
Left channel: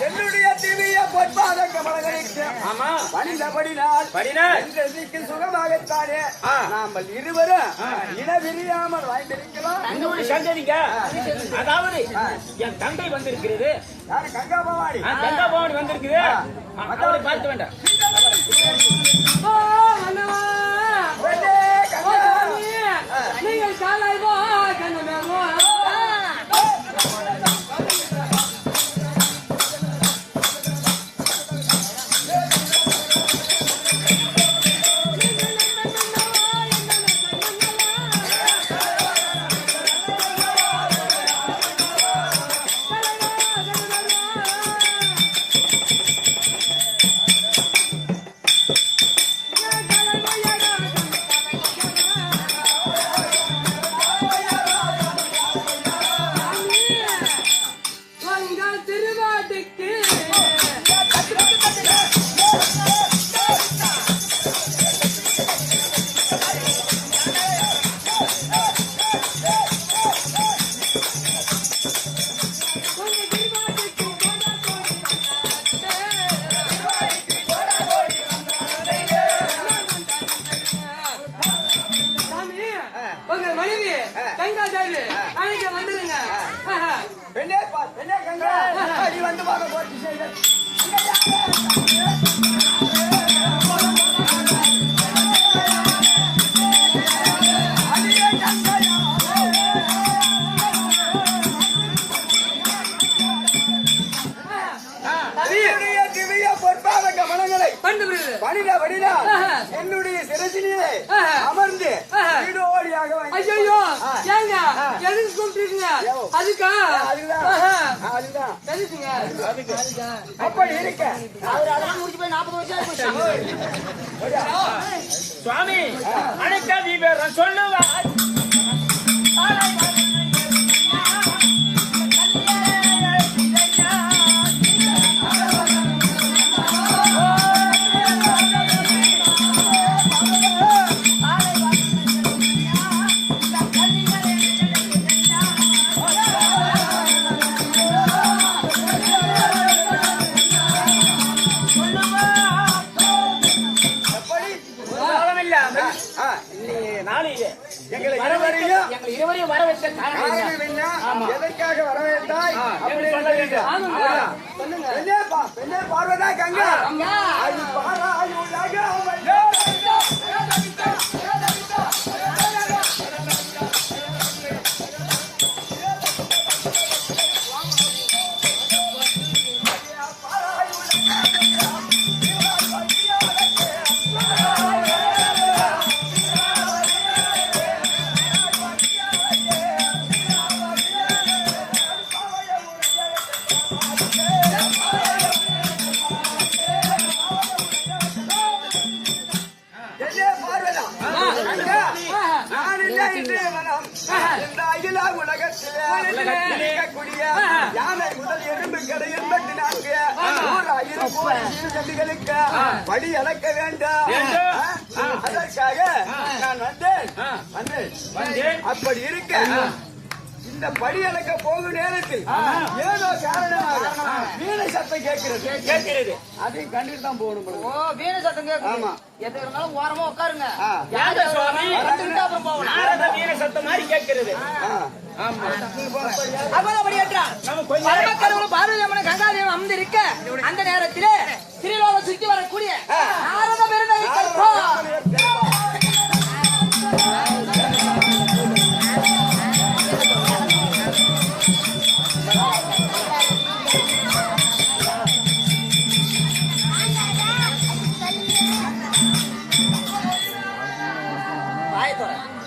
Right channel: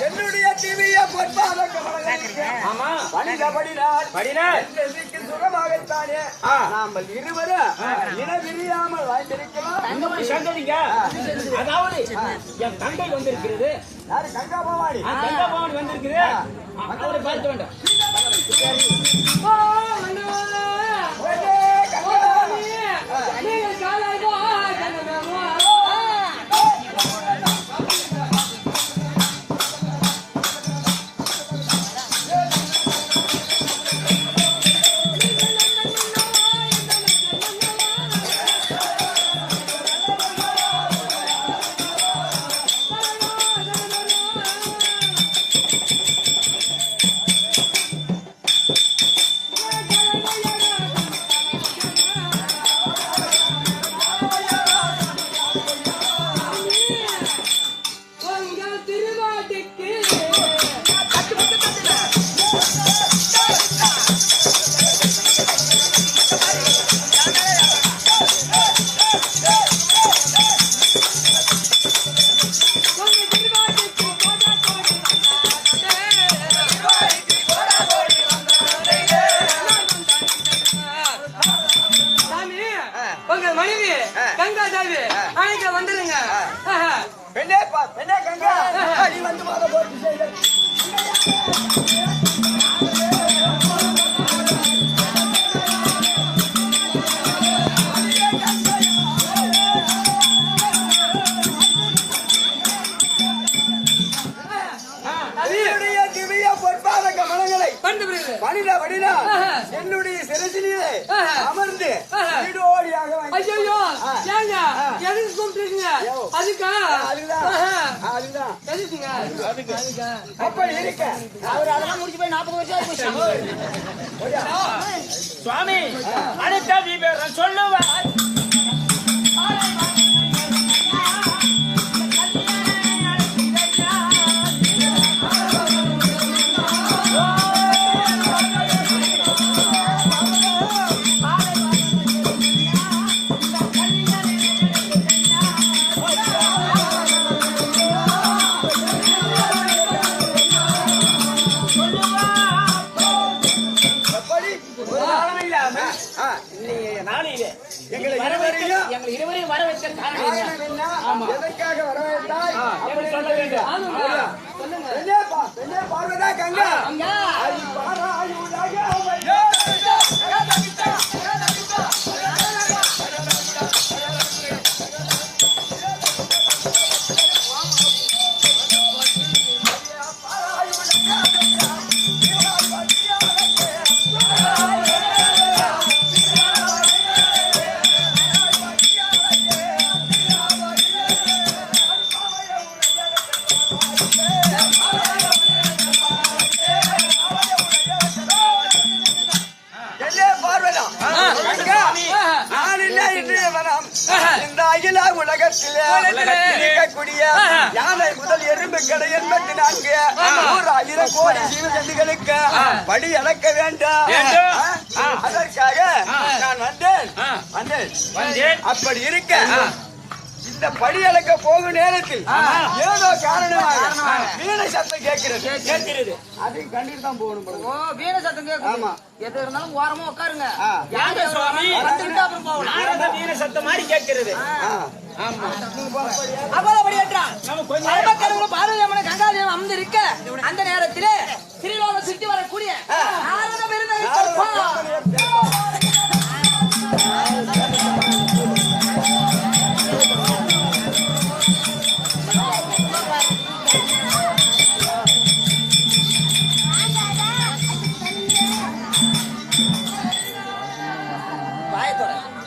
என்னுடைய திவ்ய பொற்பாத கமலங்களுக்கு ஆமா படினால் படினால் சுகமாகத்தானே நாமல் இருவரும் இனவிரியாமல் வாழ்ந்திருக்கலாம். இன்னொரு சங்கதிங்க, அதாவது என் தங்கை வந்திருக்கிறது. யாரு? கங்கா பவானி. கங்கா பவானி வந்திருக்குது. அவரை பார்க்க வேண்டாம். நீங்கள் காலாய் திருவாட்டிக்கு உங்க மனைவி கங்கா தேவி அன்னைக்கு வந்துருங்க. பெண்ணே பெண்ணே கங்கா, நீ வந்து வாங்க போட்டு செய்த திவ்ய பொற்பாத கமலங்களை வடினா என்னுடைய சிரசிலே அமர்ந்து வீடோடியாக ஐயோ ஏங்க எதுக்கு கூப்பிட்டுருக்கீங்க? அதுக்கா? அதுதான் தெரியுங்க. அப்படி இருக்க அவர் அதெல்லாம் முடிச்சு போய் 40 வருஷம் ஆயிடுச்சு. சுவாமி அனைத்த விவரம் சொல்லுவார். நாளையிலே எங்களை இருவரையும் வர வைத்த காரணம் என்ன? எதற்காக வரவேற்றாய்? அப்படி பெண்ணே பார்வதா கங்கா, இந்த அகில உலகத்திலே இருக்கக்கூடிய யானை முதல் எறும்பு கடை 84 1,000 கோடி ஜீவஜந்துகளுக்கு படி அளக்க வேண்டும். அதற்காக நான் வந்தேன். அப்படி இருக்க இந்த படி அளக்க போகும் நேரத்தில் ஏதோ காரணமாக வீணை சத்தம் கேட்கிறது. அதையும் கண்டிட்டு தான் போகணும். வீர சத்தம் கேட்கும். ஆமா, எது இருந்தாலும் ஓரமா உட்காருங்க. யார சுவாமி அப்புறம் போகலாம். வீர சத்தம் மாதிரி கேட்கிறது. கங்காதேவன் அமர்ந்திருக்க அந்த நேரத்திலே திருலோகம் சுற்றி வரக்கூடிய நாரத பெருந்தகை ஆயிரத்தி